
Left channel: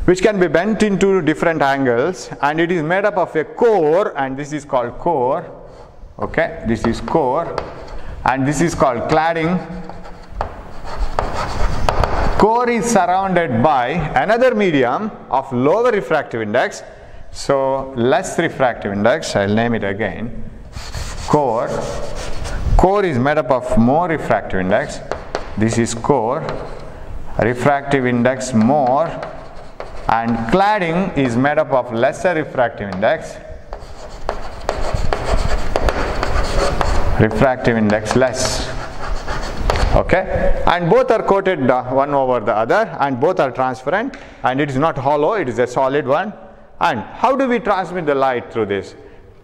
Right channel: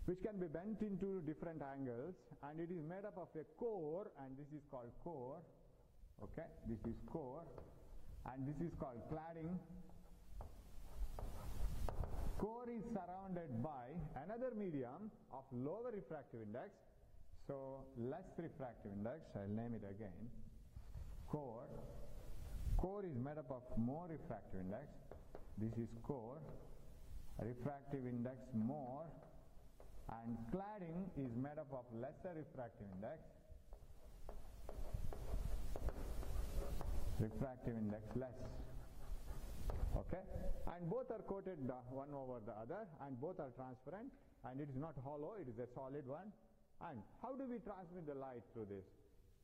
which can be bent into different angles, and it is made up of a core, and this is called core. Okay, this is core, and this is called cladding. Core is surrounded by another medium of lower refractive index, so less refractive index. I'll name it again. Core. Core is made up of more refractive index. This is core. Refractive index more. And cladding is made up of lesser refractive index. Refractive index less. Okay, and both are coated one over the other, and both are transparent, and it is not hollow, it is a solid one. And how do we transmit the light through this?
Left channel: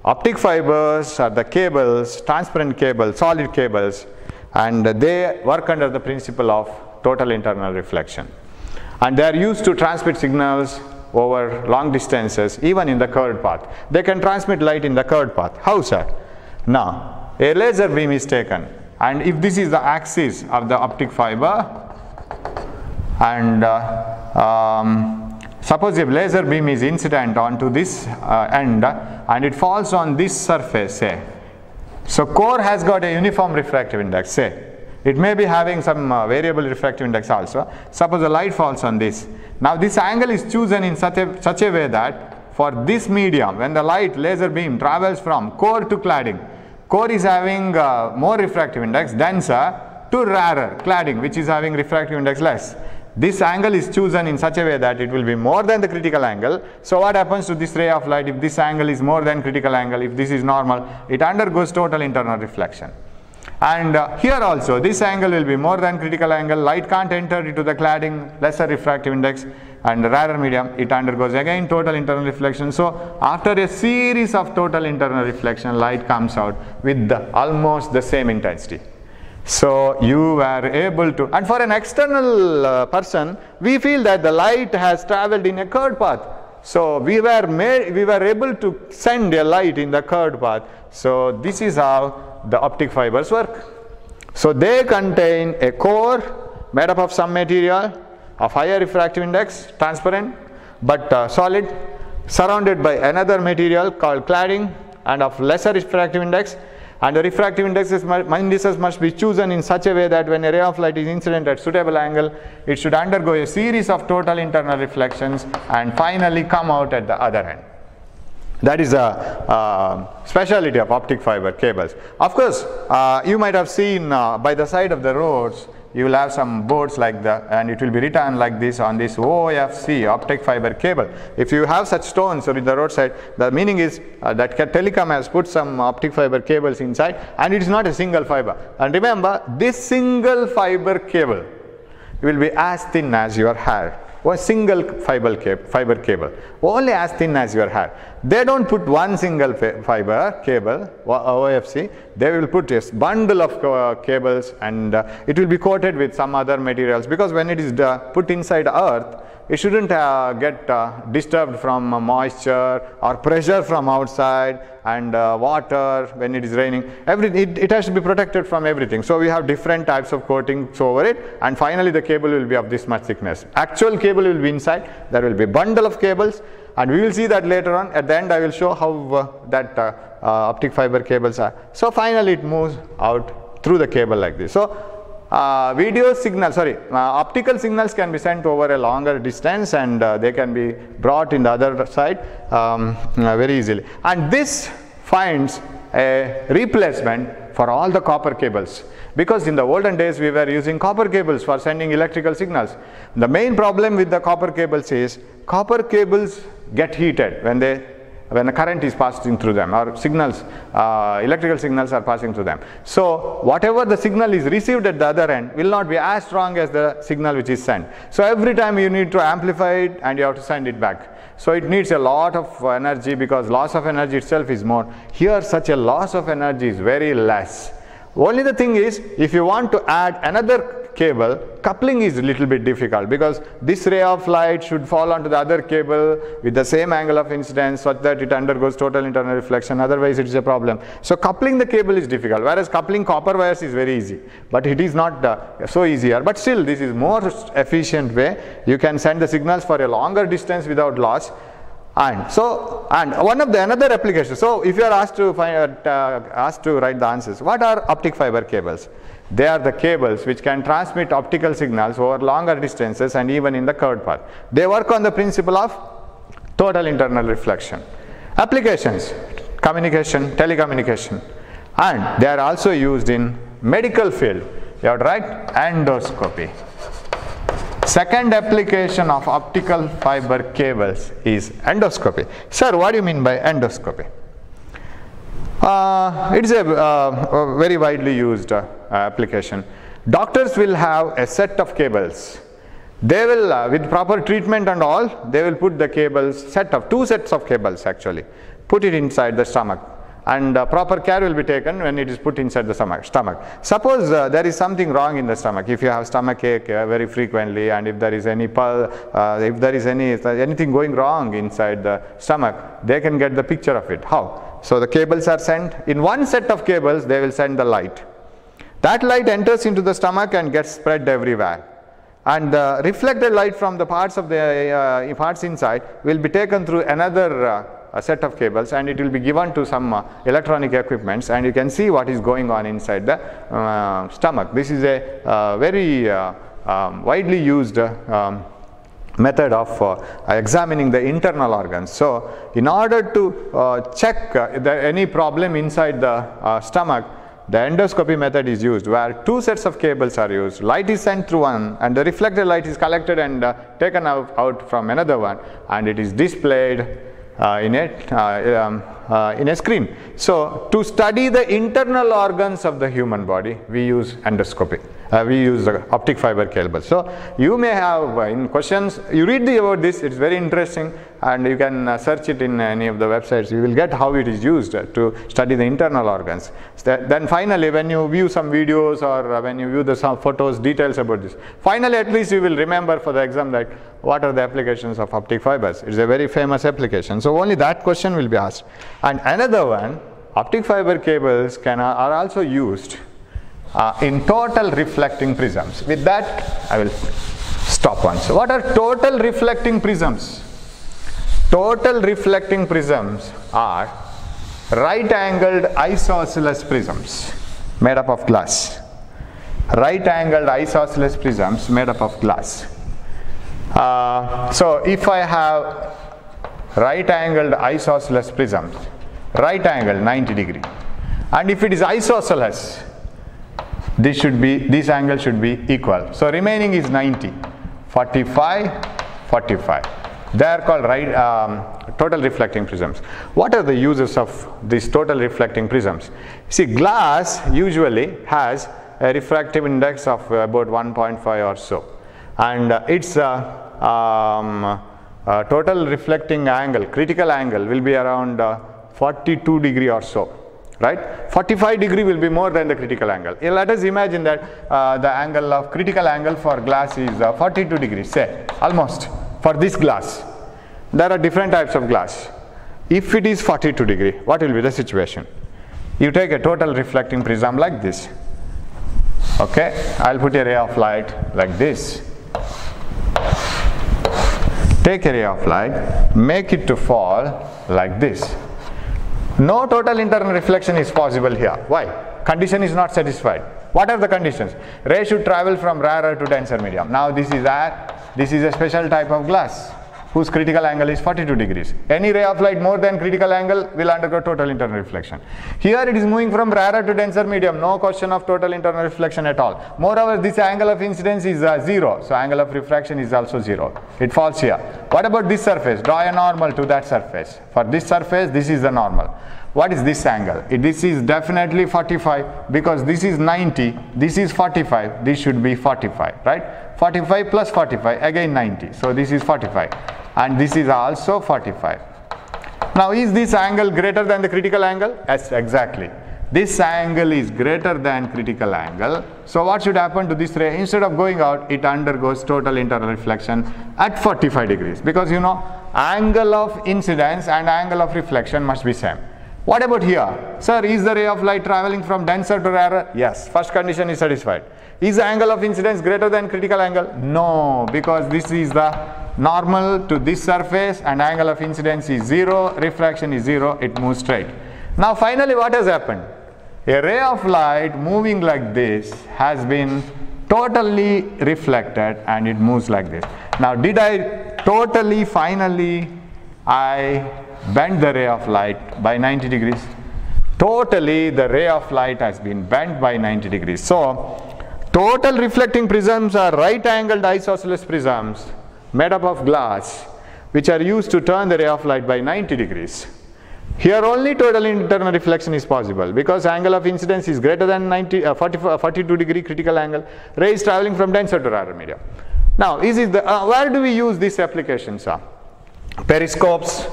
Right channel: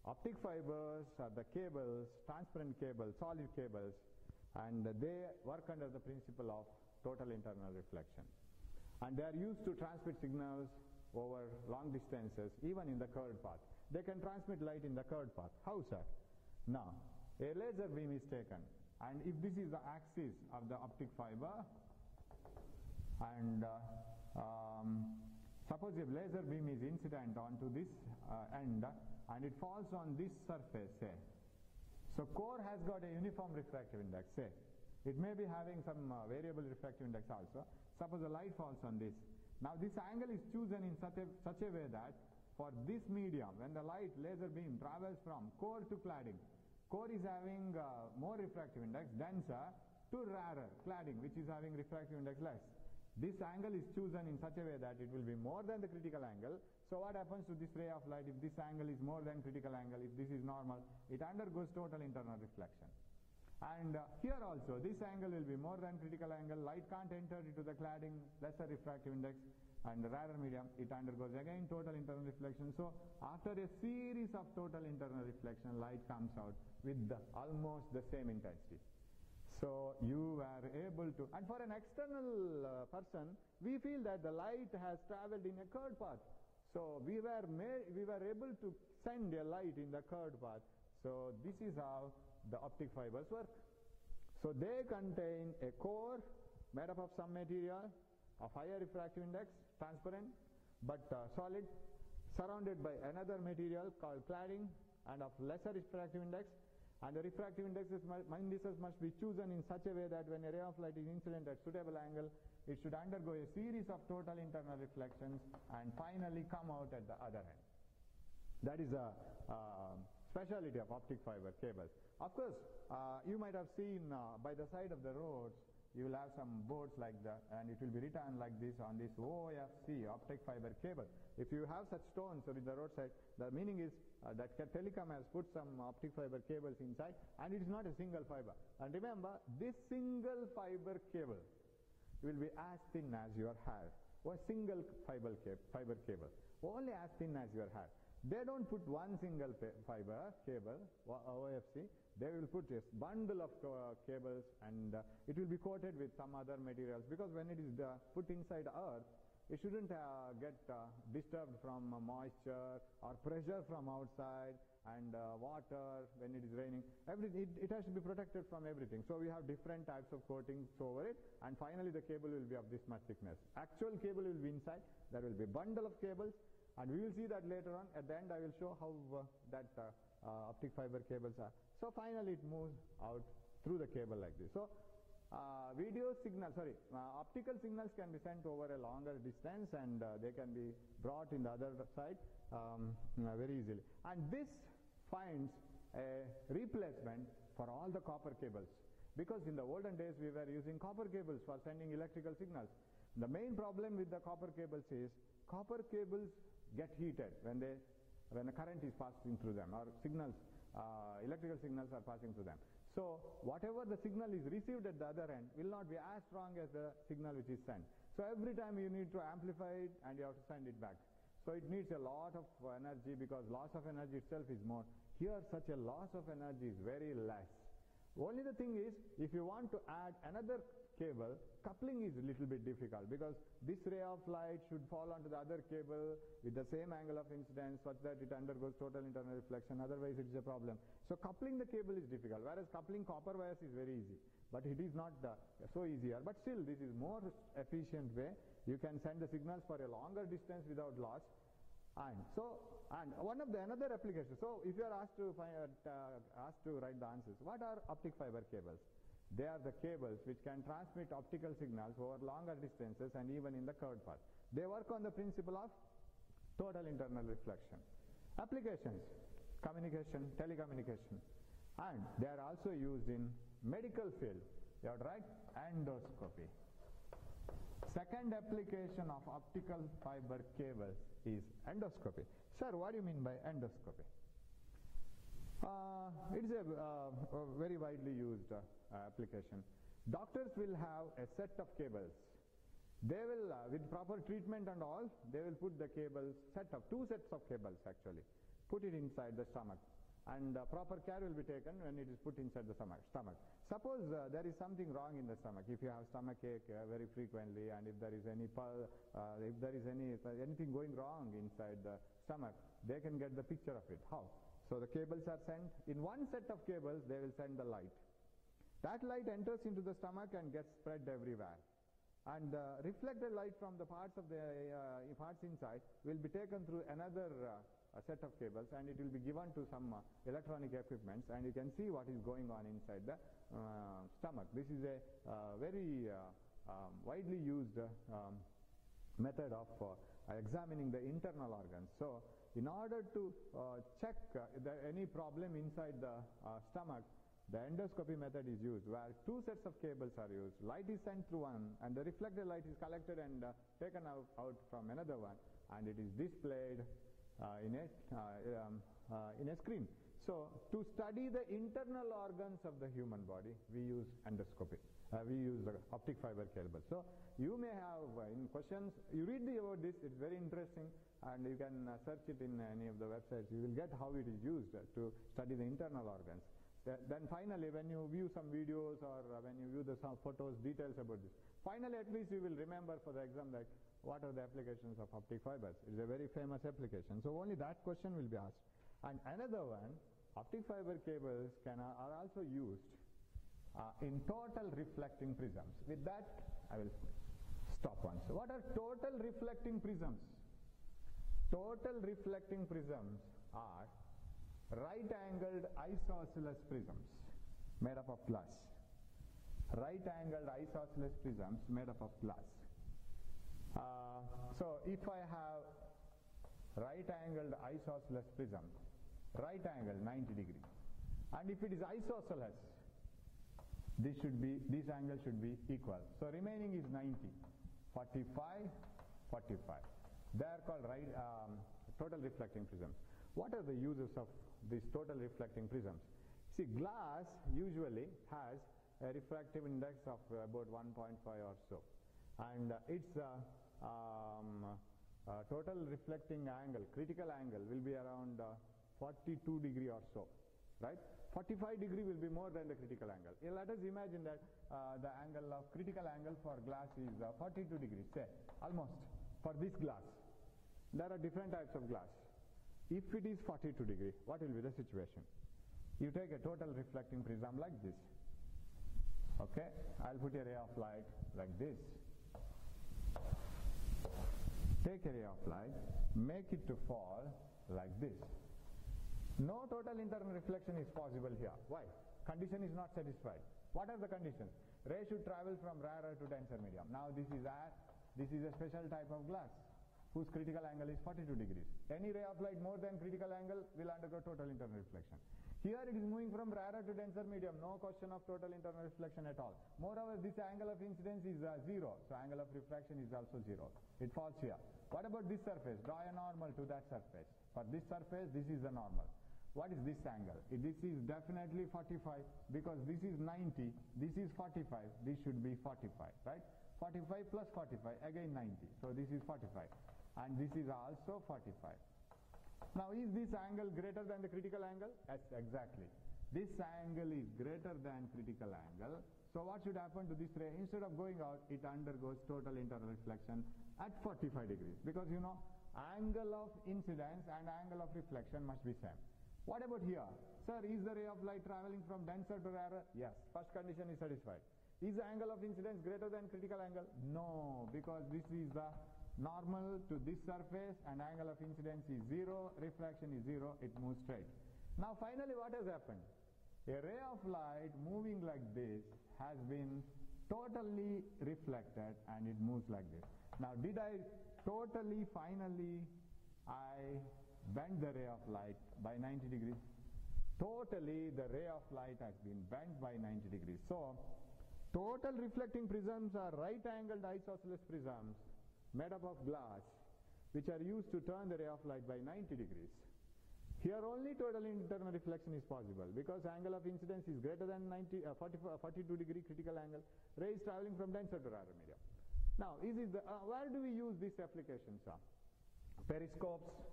Optic fibers are the cables, transparent cables, solid cables, and they work under the principle of total internal reflection. And they are used to transmit signals over long distances, even in the curved path. They can transmit light in the curved path. How, sir? Now, a laser beam is taken, and if this is the axis of the optic fiber, and suppose if laser beam is incident onto this end, and it falls on this surface, say. So core has got a uniform refractive index, say. It may be having some variable refractive index also. Suppose the light falls on this. Now this angle is chosen in such a way that for this medium, when the light laser beam travels from core to cladding, core is having more refractive index, denser, to rarer, cladding, which is having refractive index less. This angle is chosen in such a way that it will be more than the critical angle. So what happens to this ray of light if this angle is more than critical angle? If this is normal, it undergoes total internal reflection. And here also, this angle will be more than critical angle. Light can't enter into the cladding, lesser refractive index, and rarer medium, it undergoes again total internal reflection. So after a series of total internal reflection, light comes out with almost the same intensity. So you were able to, and for an external person, we feel that the light has traveled in a curved path. So we were able to send a light in the curved path. So this is how the optic fibers work. So they contain a core made up of some material of higher refractive index, transparent but solid, surrounded by another material called cladding and of lesser refractive index. And the refractive indices must be chosen in such a way that when a ray of light is incident at suitable angle, it should undergo a series of total internal reflections and finally come out at the other end. That is a speciality of optic fiber cables. Of course, you might have seen by the side of the roads, you will have some boards like that, and it will be written like this on this OFC, optic fiber cable. If you have such stones or in the roadside, the meaning is that telecom has put some optic fiber cables inside, and it is not a single fiber. And remember, this single fiber cable will be as thin as your hair. One single fiber cable, only as thin as your hair. They don't put one single fiber cable, OFC, they will put a bundle of cables, and it will be coated with some other materials, because when it is put inside earth, it shouldn't get disturbed from moisture or pressure from outside and water when it is raining. It has to be protected from everything. So we have different types of coatings over it, and finally the cable will be of this much thickness. Actual cable will be inside. There will be a bundle of cables, and we will see that later on. At the end I will show how that optic fiber cables are. So finally it moves out through the cable like this. So optical signals can be sent over a longer distance, and they can be brought in the other side very easily. And this finds a replacement for all the copper cables, because in the olden days we were using copper cables for sending electrical signals. The main problem with the copper cables is copper cables get heated when the current is passing through them, or signals, electrical signals are passing through them. So whatever the signal is received at the other end will not be as strong as the signal which is sent. So every time you need to amplify it and you have to send it back. So it needs a lot of energy, because loss of energy itself is more. Here such a loss of energy is very less. Only the thing is, if you want to add another cable, coupling is a little bit difficult, because this ray of light should fall onto the other cable with the same angle of incidence such that it undergoes total internal reflection, otherwise it is a problem. So coupling the cable is difficult, whereas coupling copper wires is very easy, but it is not so easier. But still this is more efficient way. You can send the signals for a longer distance without loss. And one of the another applications. So if you are asked to write the answers, what are optic fiber cables? They are the cables which can transmit optical signals over longer distances and even in the curved path. They work on the principle of total internal reflection. Applications: communication, telecommunication, and they are also used in medical field. You have to write endoscopy. Second application of optical fiber cables is endoscopy. Sir, what do you mean by endoscopy? It is a very widely used application. Doctors will have a set of cables. They will, with proper treatment and all, they will put the cables, two sets of cables actually, put it inside the stomach. And proper care will be taken when it is put inside the stomach. Suppose there is something wrong in the stomach. If you have stomach ache very frequently, and if there is anything going wrong inside the stomach, they can get the picture of it. How? So the cables are sent. In one set of cables, they will send the light. That light enters into the stomach and gets spread everywhere. And the reflected light from the parts of the parts inside will be taken through another a set of cables, and it will be given to some electronic equipments, and you can see what is going on inside the stomach. This is a very widely used method of examining the internal organs. So in order to check any problem inside the stomach, the endoscopy method is used, where two sets of cables are used. Light is sent through one, and the reflected light is collected and taken out from another one, and it is displayed in a screen. So to study the internal organs of the human body, we use endoscopy. We use the optic fiber cable. So you may have in questions, you read about this, it's very interesting, and you can search it in any of the websites. You will get how it is used to study the internal organs. Then finally, when you view some videos or when you view some photos, details about this, finally at least you will remember for the exam that what are the applications of optic fibers. It's a very famous application. So only that question will be asked. And another one, optic fiber cables are also used in total reflecting prisms. With that, I will stop once. What are total reflecting prisms? Total reflecting prisms are right-angled isosceles prisms made up of glass. Right-angled isosceles prisms made up of glass. So if I have right-angled isosceles prisms, right angle 90 degree, and if it is isosceles, this angle should be equal. So remaining is 90, 45, 45. They are called total reflecting prisms. What are the uses of these total reflecting prisms? See, glass usually has a refractive index of about 1.5 or so, and its total reflecting angle, critical angle, will be around 42 degree or so. Right? 45 degree will be more than the critical angle. Let us imagine that the critical angle for glass is 42 degrees, say, almost for this glass. There are different types of glass. If it is 42 degree, what will be the situation? You take a total reflecting prism like this. Okay, I'll put a ray of light like this. Take a ray of light, make it to fall like this. No total internal reflection is possible here. Why? Condition is not satisfied. What are the conditions? Ray should travel from rarer to denser medium. Now this is air, this is a special type of glass whose critical angle is 42 degrees. Any ray of light more than critical angle will undergo total internal reflection. Here it is moving from rarer to denser medium, no question of total internal reflection at all. Moreover, this angle of incidence is 0, so angle of refraction is also 0. It falls here. What about this surface? Draw a normal to that surface. For this surface, this is the normal. What is this angle? This is definitely 45 because this is 90, this is 45, this should be 45, right? 45 plus 45, again 90, so this is 45, and this is also 45. Now is this angle greater than the critical angle? Yes, exactly. This angle is greater than critical angle, so what should happen to this ray? Instead of going out, it undergoes total internal reflection at 45 degrees because you know angle of incidence and angle of reflection must be same. What about here? Sir, is the ray of light traveling from denser to rarer? Yes, first condition is satisfied. Is the angle of incidence greater than critical angle? No, because this is the normal to this surface and angle of incidence is 0, refraction is 0, it moves straight. Now finally what has happened? A ray of light moving like this has been totally reflected and it moves like this. Now did I totally finally I bend the ray of light by 90 degrees? Totally the ray of light has been bent by 90 degrees. So total reflecting prisms are right angled isosceles prisms made up of glass which are used to turn the ray of light by 90 degrees. Here only total internal reflection is possible because angle of incidence is greater than 42 degree critical angle. Ray is traveling from denser to rarer medium. Now where do we use these applications? Periscopes.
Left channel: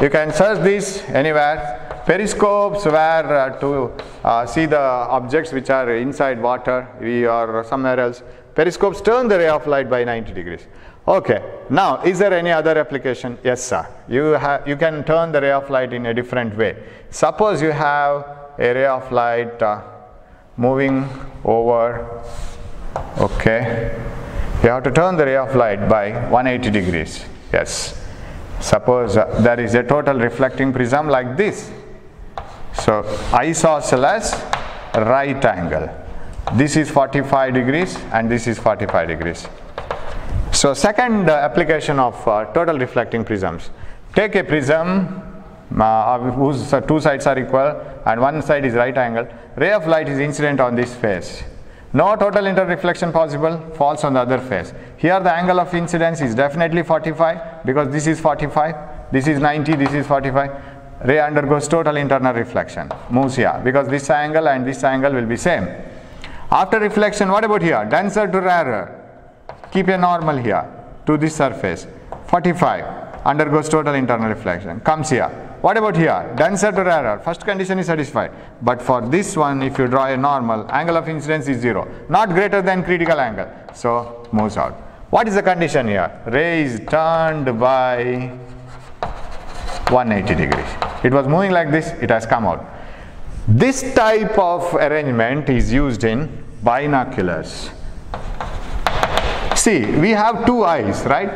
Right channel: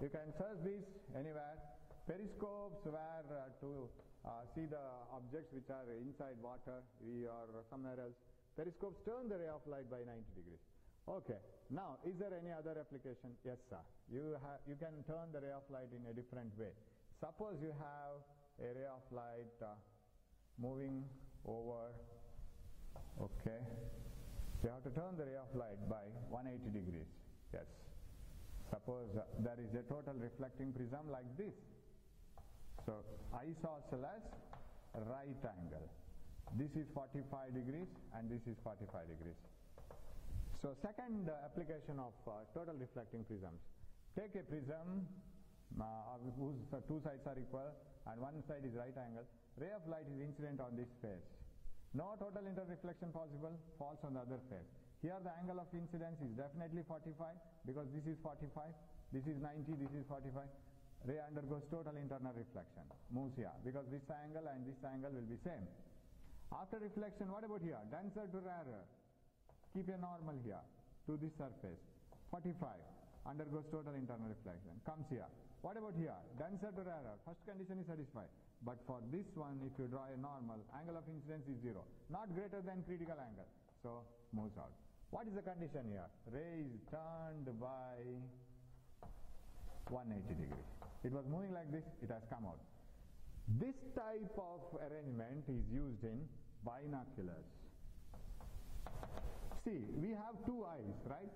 You can search this anywhere. Periscopes where to see the objects which are inside water or somewhere else. Periscopes turn the ray of light by 90 degrees. Okay, now is there any other application? Yes sir, you can turn the ray of light in a different way. Suppose you have a ray of light moving over, okay, you have to turn the ray of light by 180 degrees, yes. Suppose there is a total reflecting prism like this. So isosceles right angle. This is 45 degrees and this is 45 degrees. So second application of total reflecting prisms. Take a prism whose two sides are equal and one side is right angle. Ray of light is incident on this face. No total interreflection possible, falls on the other face. Here the angle of incidence is definitely 45 because this is 45, this is 90, this is 45. Ray undergoes total internal reflection, moves here because this angle and this angle will be same. After reflection, what about here? Denser to rarer. Keep a normal here to this surface. 45 undergoes total internal reflection. Comes here. What about here? Denser to rarer. First condition is satisfied. But for this one, if you draw a normal, angle of incidence is 0. Not greater than critical angle. So moves out. What is the condition here? Ray is turned by 180 degrees. It was moving like this, it has come out. This type of arrangement is used in binoculars. See, we have two eyes, right?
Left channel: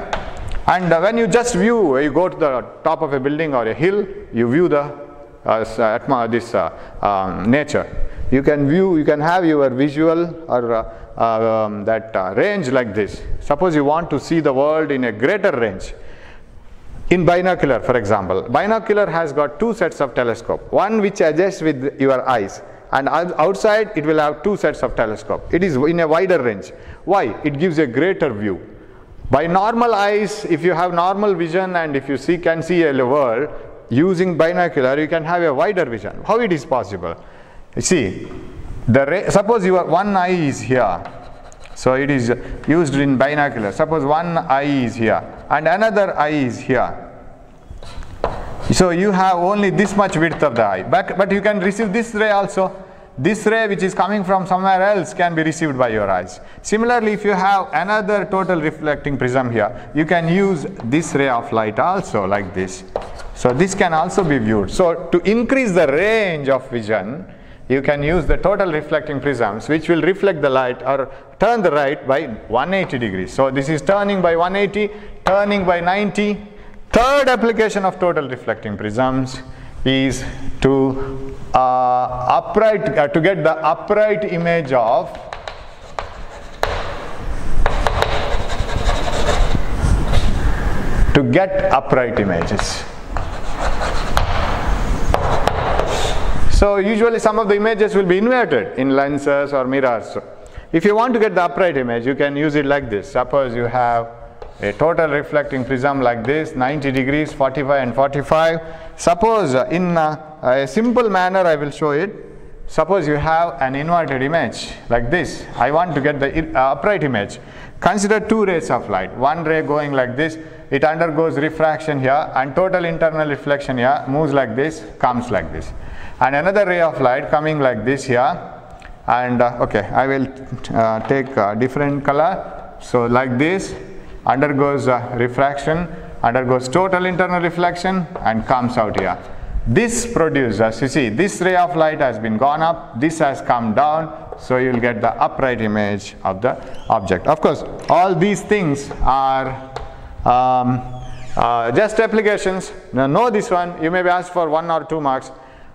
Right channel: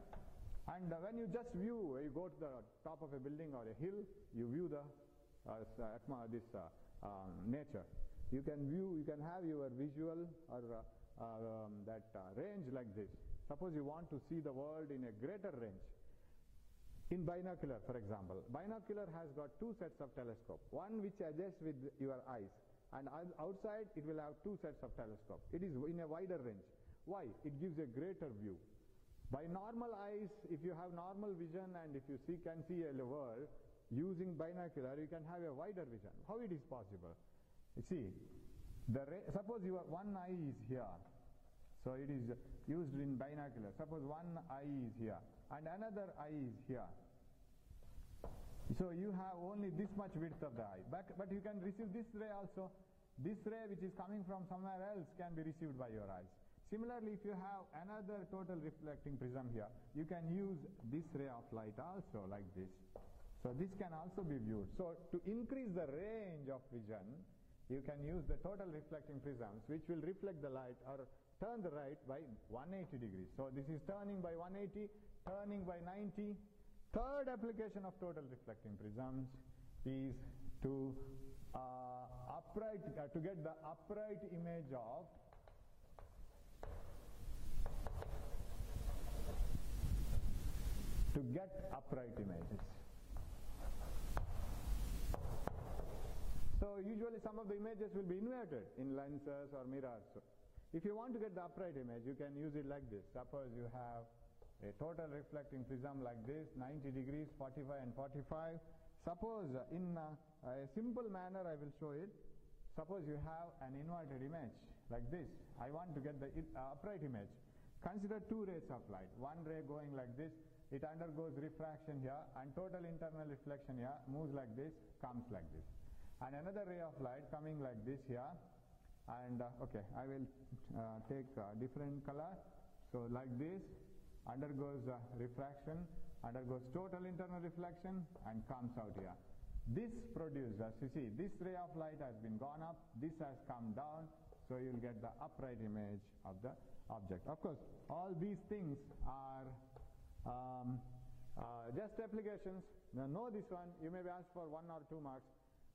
And when you just view, you go to the top of a building or a hill, you view the nature. You can view, you can have your visual or range like this. Suppose you want to see the world in a greater range. In binocular, for example, binocular has got two sets of telescope. One which adjusts with your eyes, and outside it will have two sets of telescope. It is in a wider range. Why? It gives a greater view. By normal eyes, if you have normal vision and if you can see a world, using binocular you can have a wider vision. How it is possible? You see, suppose your one eye is here. So it is used in binocular. Suppose one eye is here and another eye is here. So you have only this much width of the eye, but you can receive this ray also. this ray which is coming from somewhere else can be received by your eyes. Similarly, if you have another total reflecting prism here, you can use this ray of light also like this. So this can also be viewed. So to increase the range of vision, you can use the total reflecting prisms which will reflect the light or turn the light by 180 degrees. So this is turning by 180, turning by 90. Third application of total reflecting prisms is to to get the upright image of upright images. So usually some of the images will be inverted in lenses or mirrors. So if you want to get the upright image, you can use it like this. Suppose you have a total reflecting prism like this, 90 degrees, 45 and 45. Suppose in a simple manner I will show it. Suppose you have an inverted image like this. I want to get the upright image. Consider two rays of light. One ray going like this, it undergoes refraction here, and total internal reflection here, moves like this, comes like this. And another ray of light coming like this here, and okay, I will take a different color. So like this, undergoes refraction, undergoes total internal reflection, and comes out here. This produces, you see, this ray of light has been gone up, this has come down, so you will get the upright image of the object. Of course, all these things are just applications. Now know this one, you may be asked for 1 or 2 marks.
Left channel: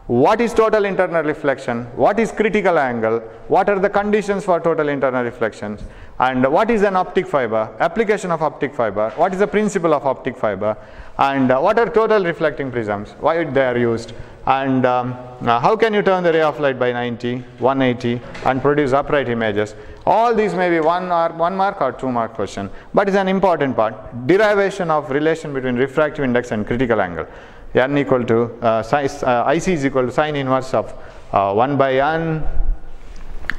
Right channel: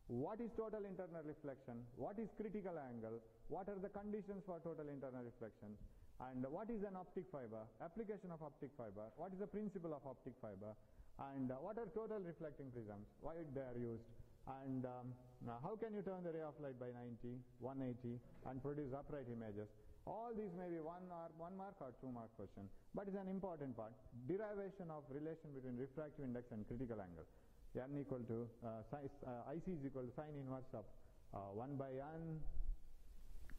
What is total internal reflection? What is critical angle? What are the conditions for total internal reflections? And what is an optic fiber? Application of optic fiber. What is the principle of optic fiber? And what are total reflecting prisms? Why they are used? And how can you turn the ray of light by 90, 180 and produce upright images? All these may be 1 mark or 2 mark question, but it's an important part. Derivation of relation between refractive index and critical angle. N equal to IC is equal to sine inverse of 1 by n,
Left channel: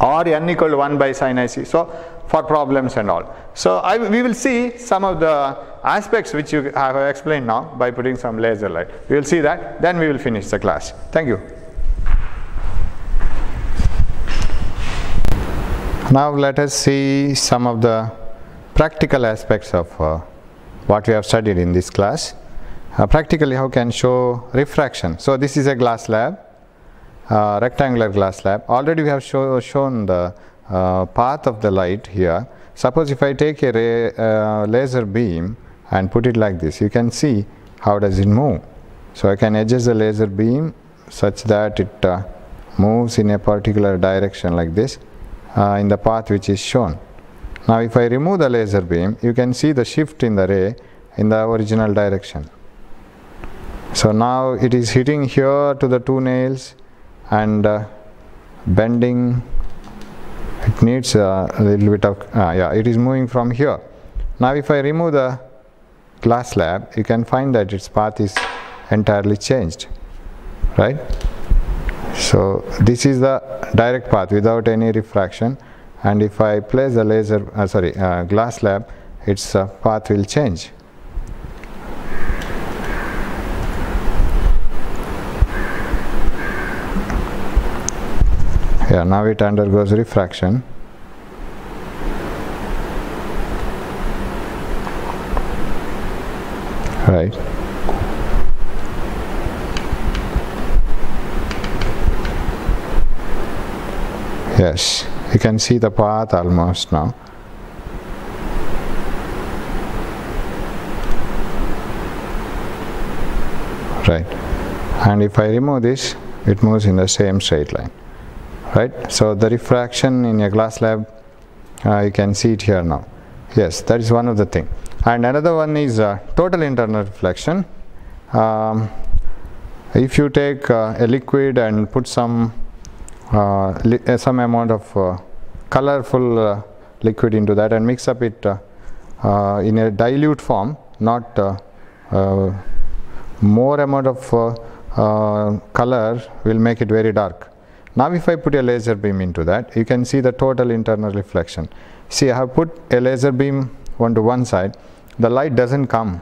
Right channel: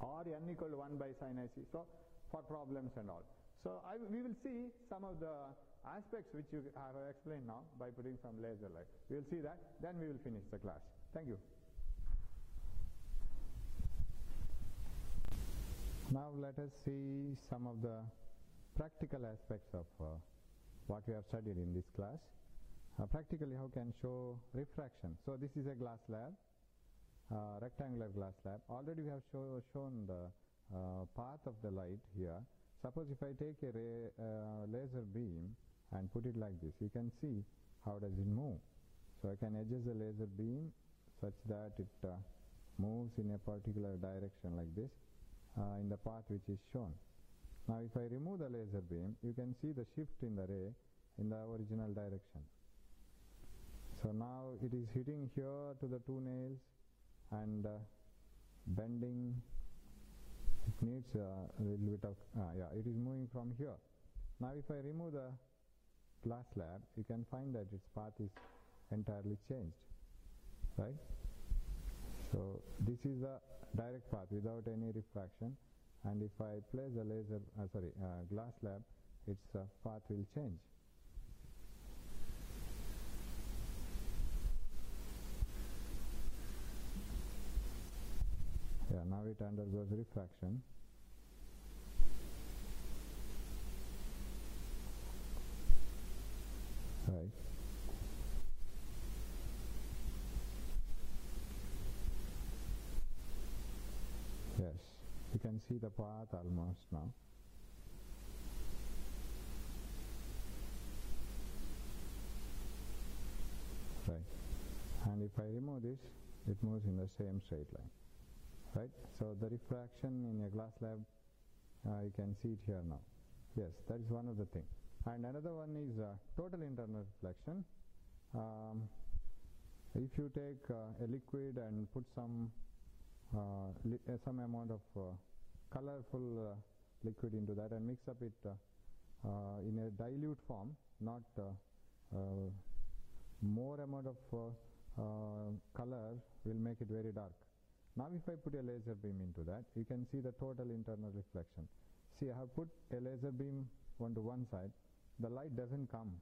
or n equal to 1 by sine IC. So for problems and all. So we will see some of the aspects which you have explained now by putting some laser light. We will see that, then we will finish the class. Thank you. Now let us see some of the practical aspects of what we have studied in this class. Practically, how can show refraction. So this is a glass slab, rectangular glass slab. Already we have shown the path of the light here. Suppose if I take a laser beam and put it like this, you can see how does it move. So I can adjust the laser beam such that it moves in a particular direction like this in the path which is shown. Now if I remove the laser beam, you can see the shift in the ray in the original direction. So now it is hitting here to the 2 nails and bending. It needs a little bit of, yeah, it is moving from here. Now if I remove the glass slab, you can find that its path is entirely changed, right? So this is the direct path without any refraction, and if I place the laser, glass slab, its path will change. Yeah, now it undergoes refraction. Right. Yes, you can see the path almost now. Right. And if I remove this, it moves in the same straight line. Right. So the refraction in a glass slab, you can see it here now. Yes, that is one of the things. And another one is total internal reflection. If you take a liquid and put some amount of colorful liquid into that and mix up it in a dilute form, not more amount of color will make it very dark. Now if I put a laser beam into that, you can see the total internal reflection. See, I have put a laser beam onto one side, the light doesn't come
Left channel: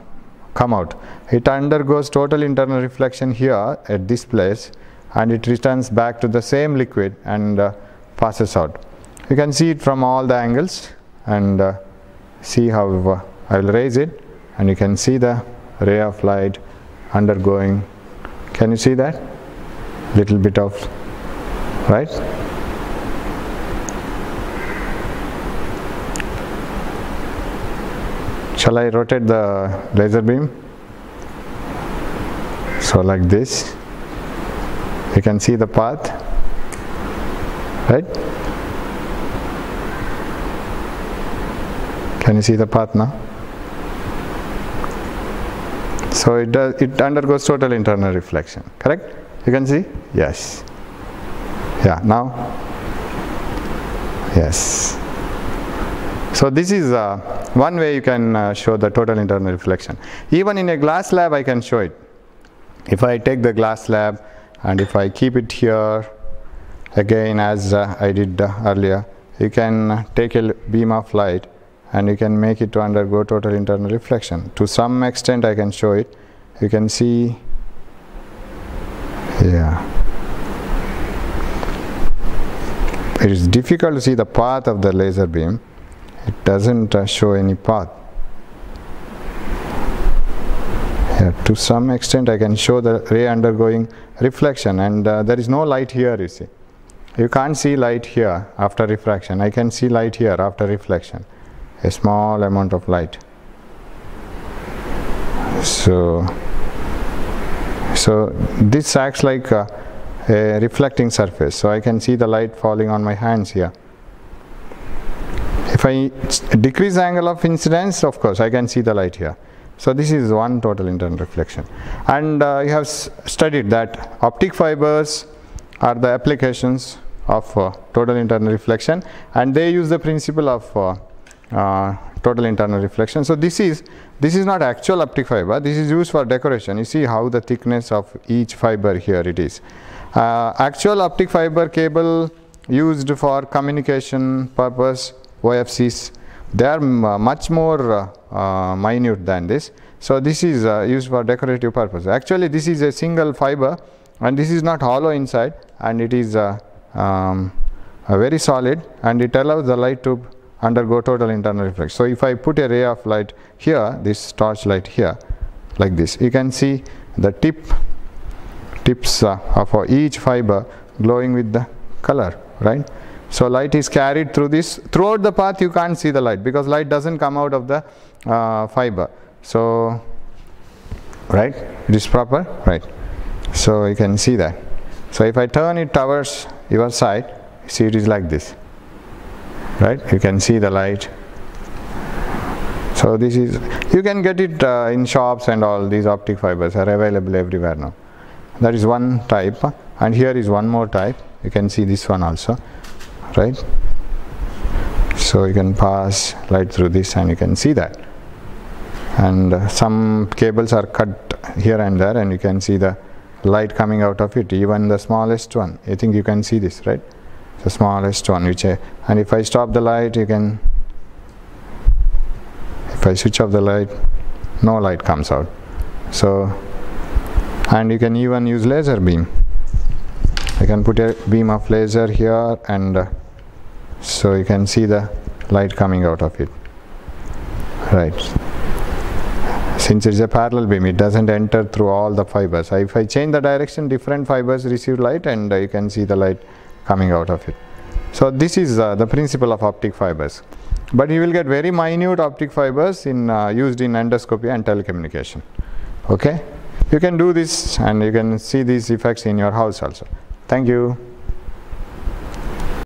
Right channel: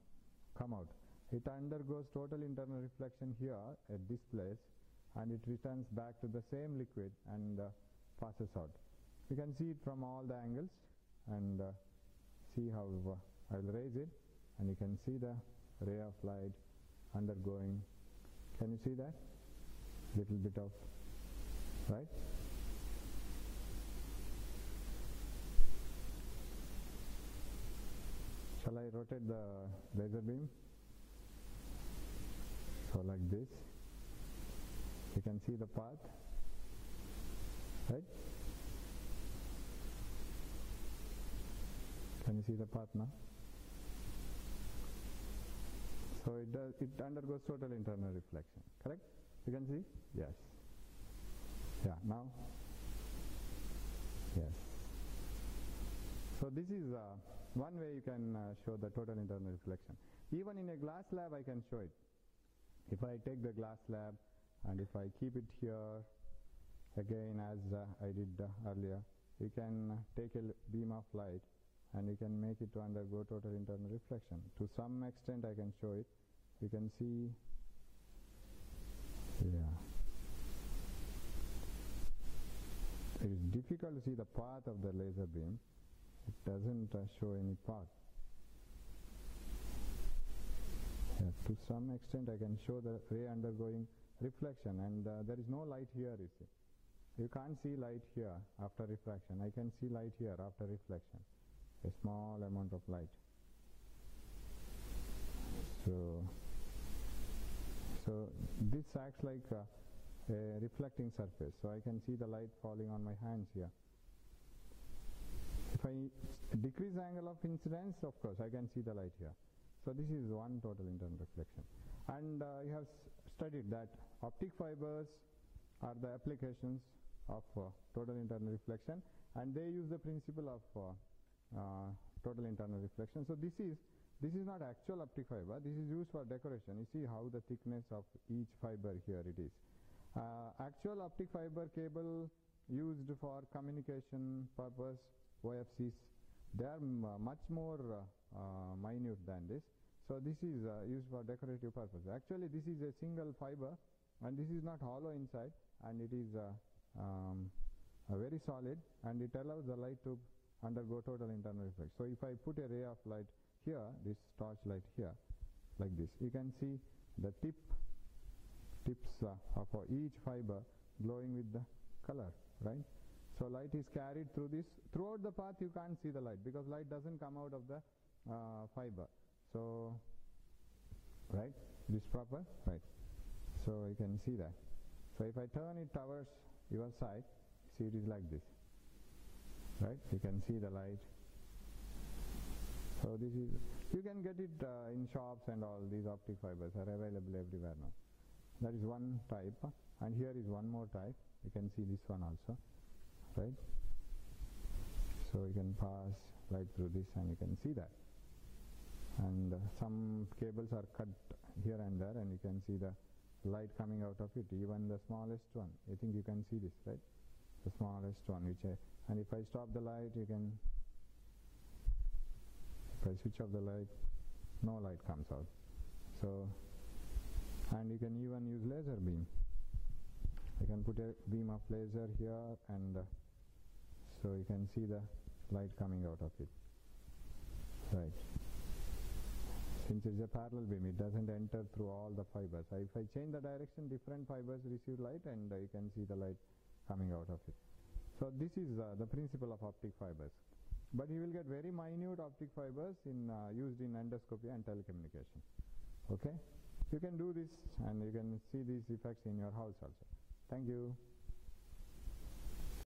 out. It undergoes total internal reflection here at this place, and it returns back to the same liquid and passes out. You can see it from all the angles, and see how I will raise it, and you can see the ray of light undergoing. Can you see that? Little bit of, right? Shall I rotate the laser beam? So like this, you can see the path, right? Can you see the path now? So it undergoes total internal reflection, correct? You can see? Yes. Yeah, now? Yes. So this is one way you can show the total internal reflection. Even in a glass slab I can show it. If I take the glass slab and if I keep it here, again as I did earlier, you can take a beam of light and you can make it to undergo total internal reflection. To some extent I can show it. You can see, yeah. It is difficult to see the path of the laser beam. It doesn't show any path. Yeah, to some extent I can show the ray undergoing reflection, and there is no light here, you see. You can't see light here after refraction. I can see light here after reflection. A small amount of light. So this acts like a reflecting surface. So I can see the light falling on my hands here. If I decrease the angle of incidence, of course, I can see the light here. So this is one total internal reflection. And you have studied that optic fibers are the applications of total internal reflection, and they use the principle of total internal reflection. So this is not actual optic fiber. This is used for decoration. You see how the thickness of each fiber here it is. Actual optic fiber cable used for communication purpose, OFCs, they are much more minute than this. So this is used for decorative purpose. Actually this is a single fiber, and this is not hollow inside, and it is very solid, and it allows the light to undergo total internal reflection. So if I put a ray of light here, this torch light here, like this, you can see the tips of each fiber glowing with the color, right? So light is carried through this. Throughout the path you can't see the light because light doesn't come out of the fiber. So, right, it is proper, right? So you can see that. So if I turn it towards your side, see it is like this, right? You can see the light. So this is, you can get it in shops, and all these optic fibers are available everywhere now. That is one type, and here is one more type. You can see this one also, right? So you can pass light through this and you can see that. And some cables are cut here and there, and you can see the light coming out of it, even the smallest one. I think you can see this, right? The smallest one, which and if I stop the light, you can, if I switch off the light, no light comes out. So, and you can even use laser beam. I can put a beam of laser here, and so you can see the light coming out of it, right? Since it's a parallel beam, it doesn't enter through all the fibers. If I change the direction, different fibers receive light, and you can see the light coming out of it. So this is the principle of optic fibers. But you will get very minute optic fibers used in endoscopy and telecommunication. Okay? You can do this, and you can see these effects in your house also. Thank you.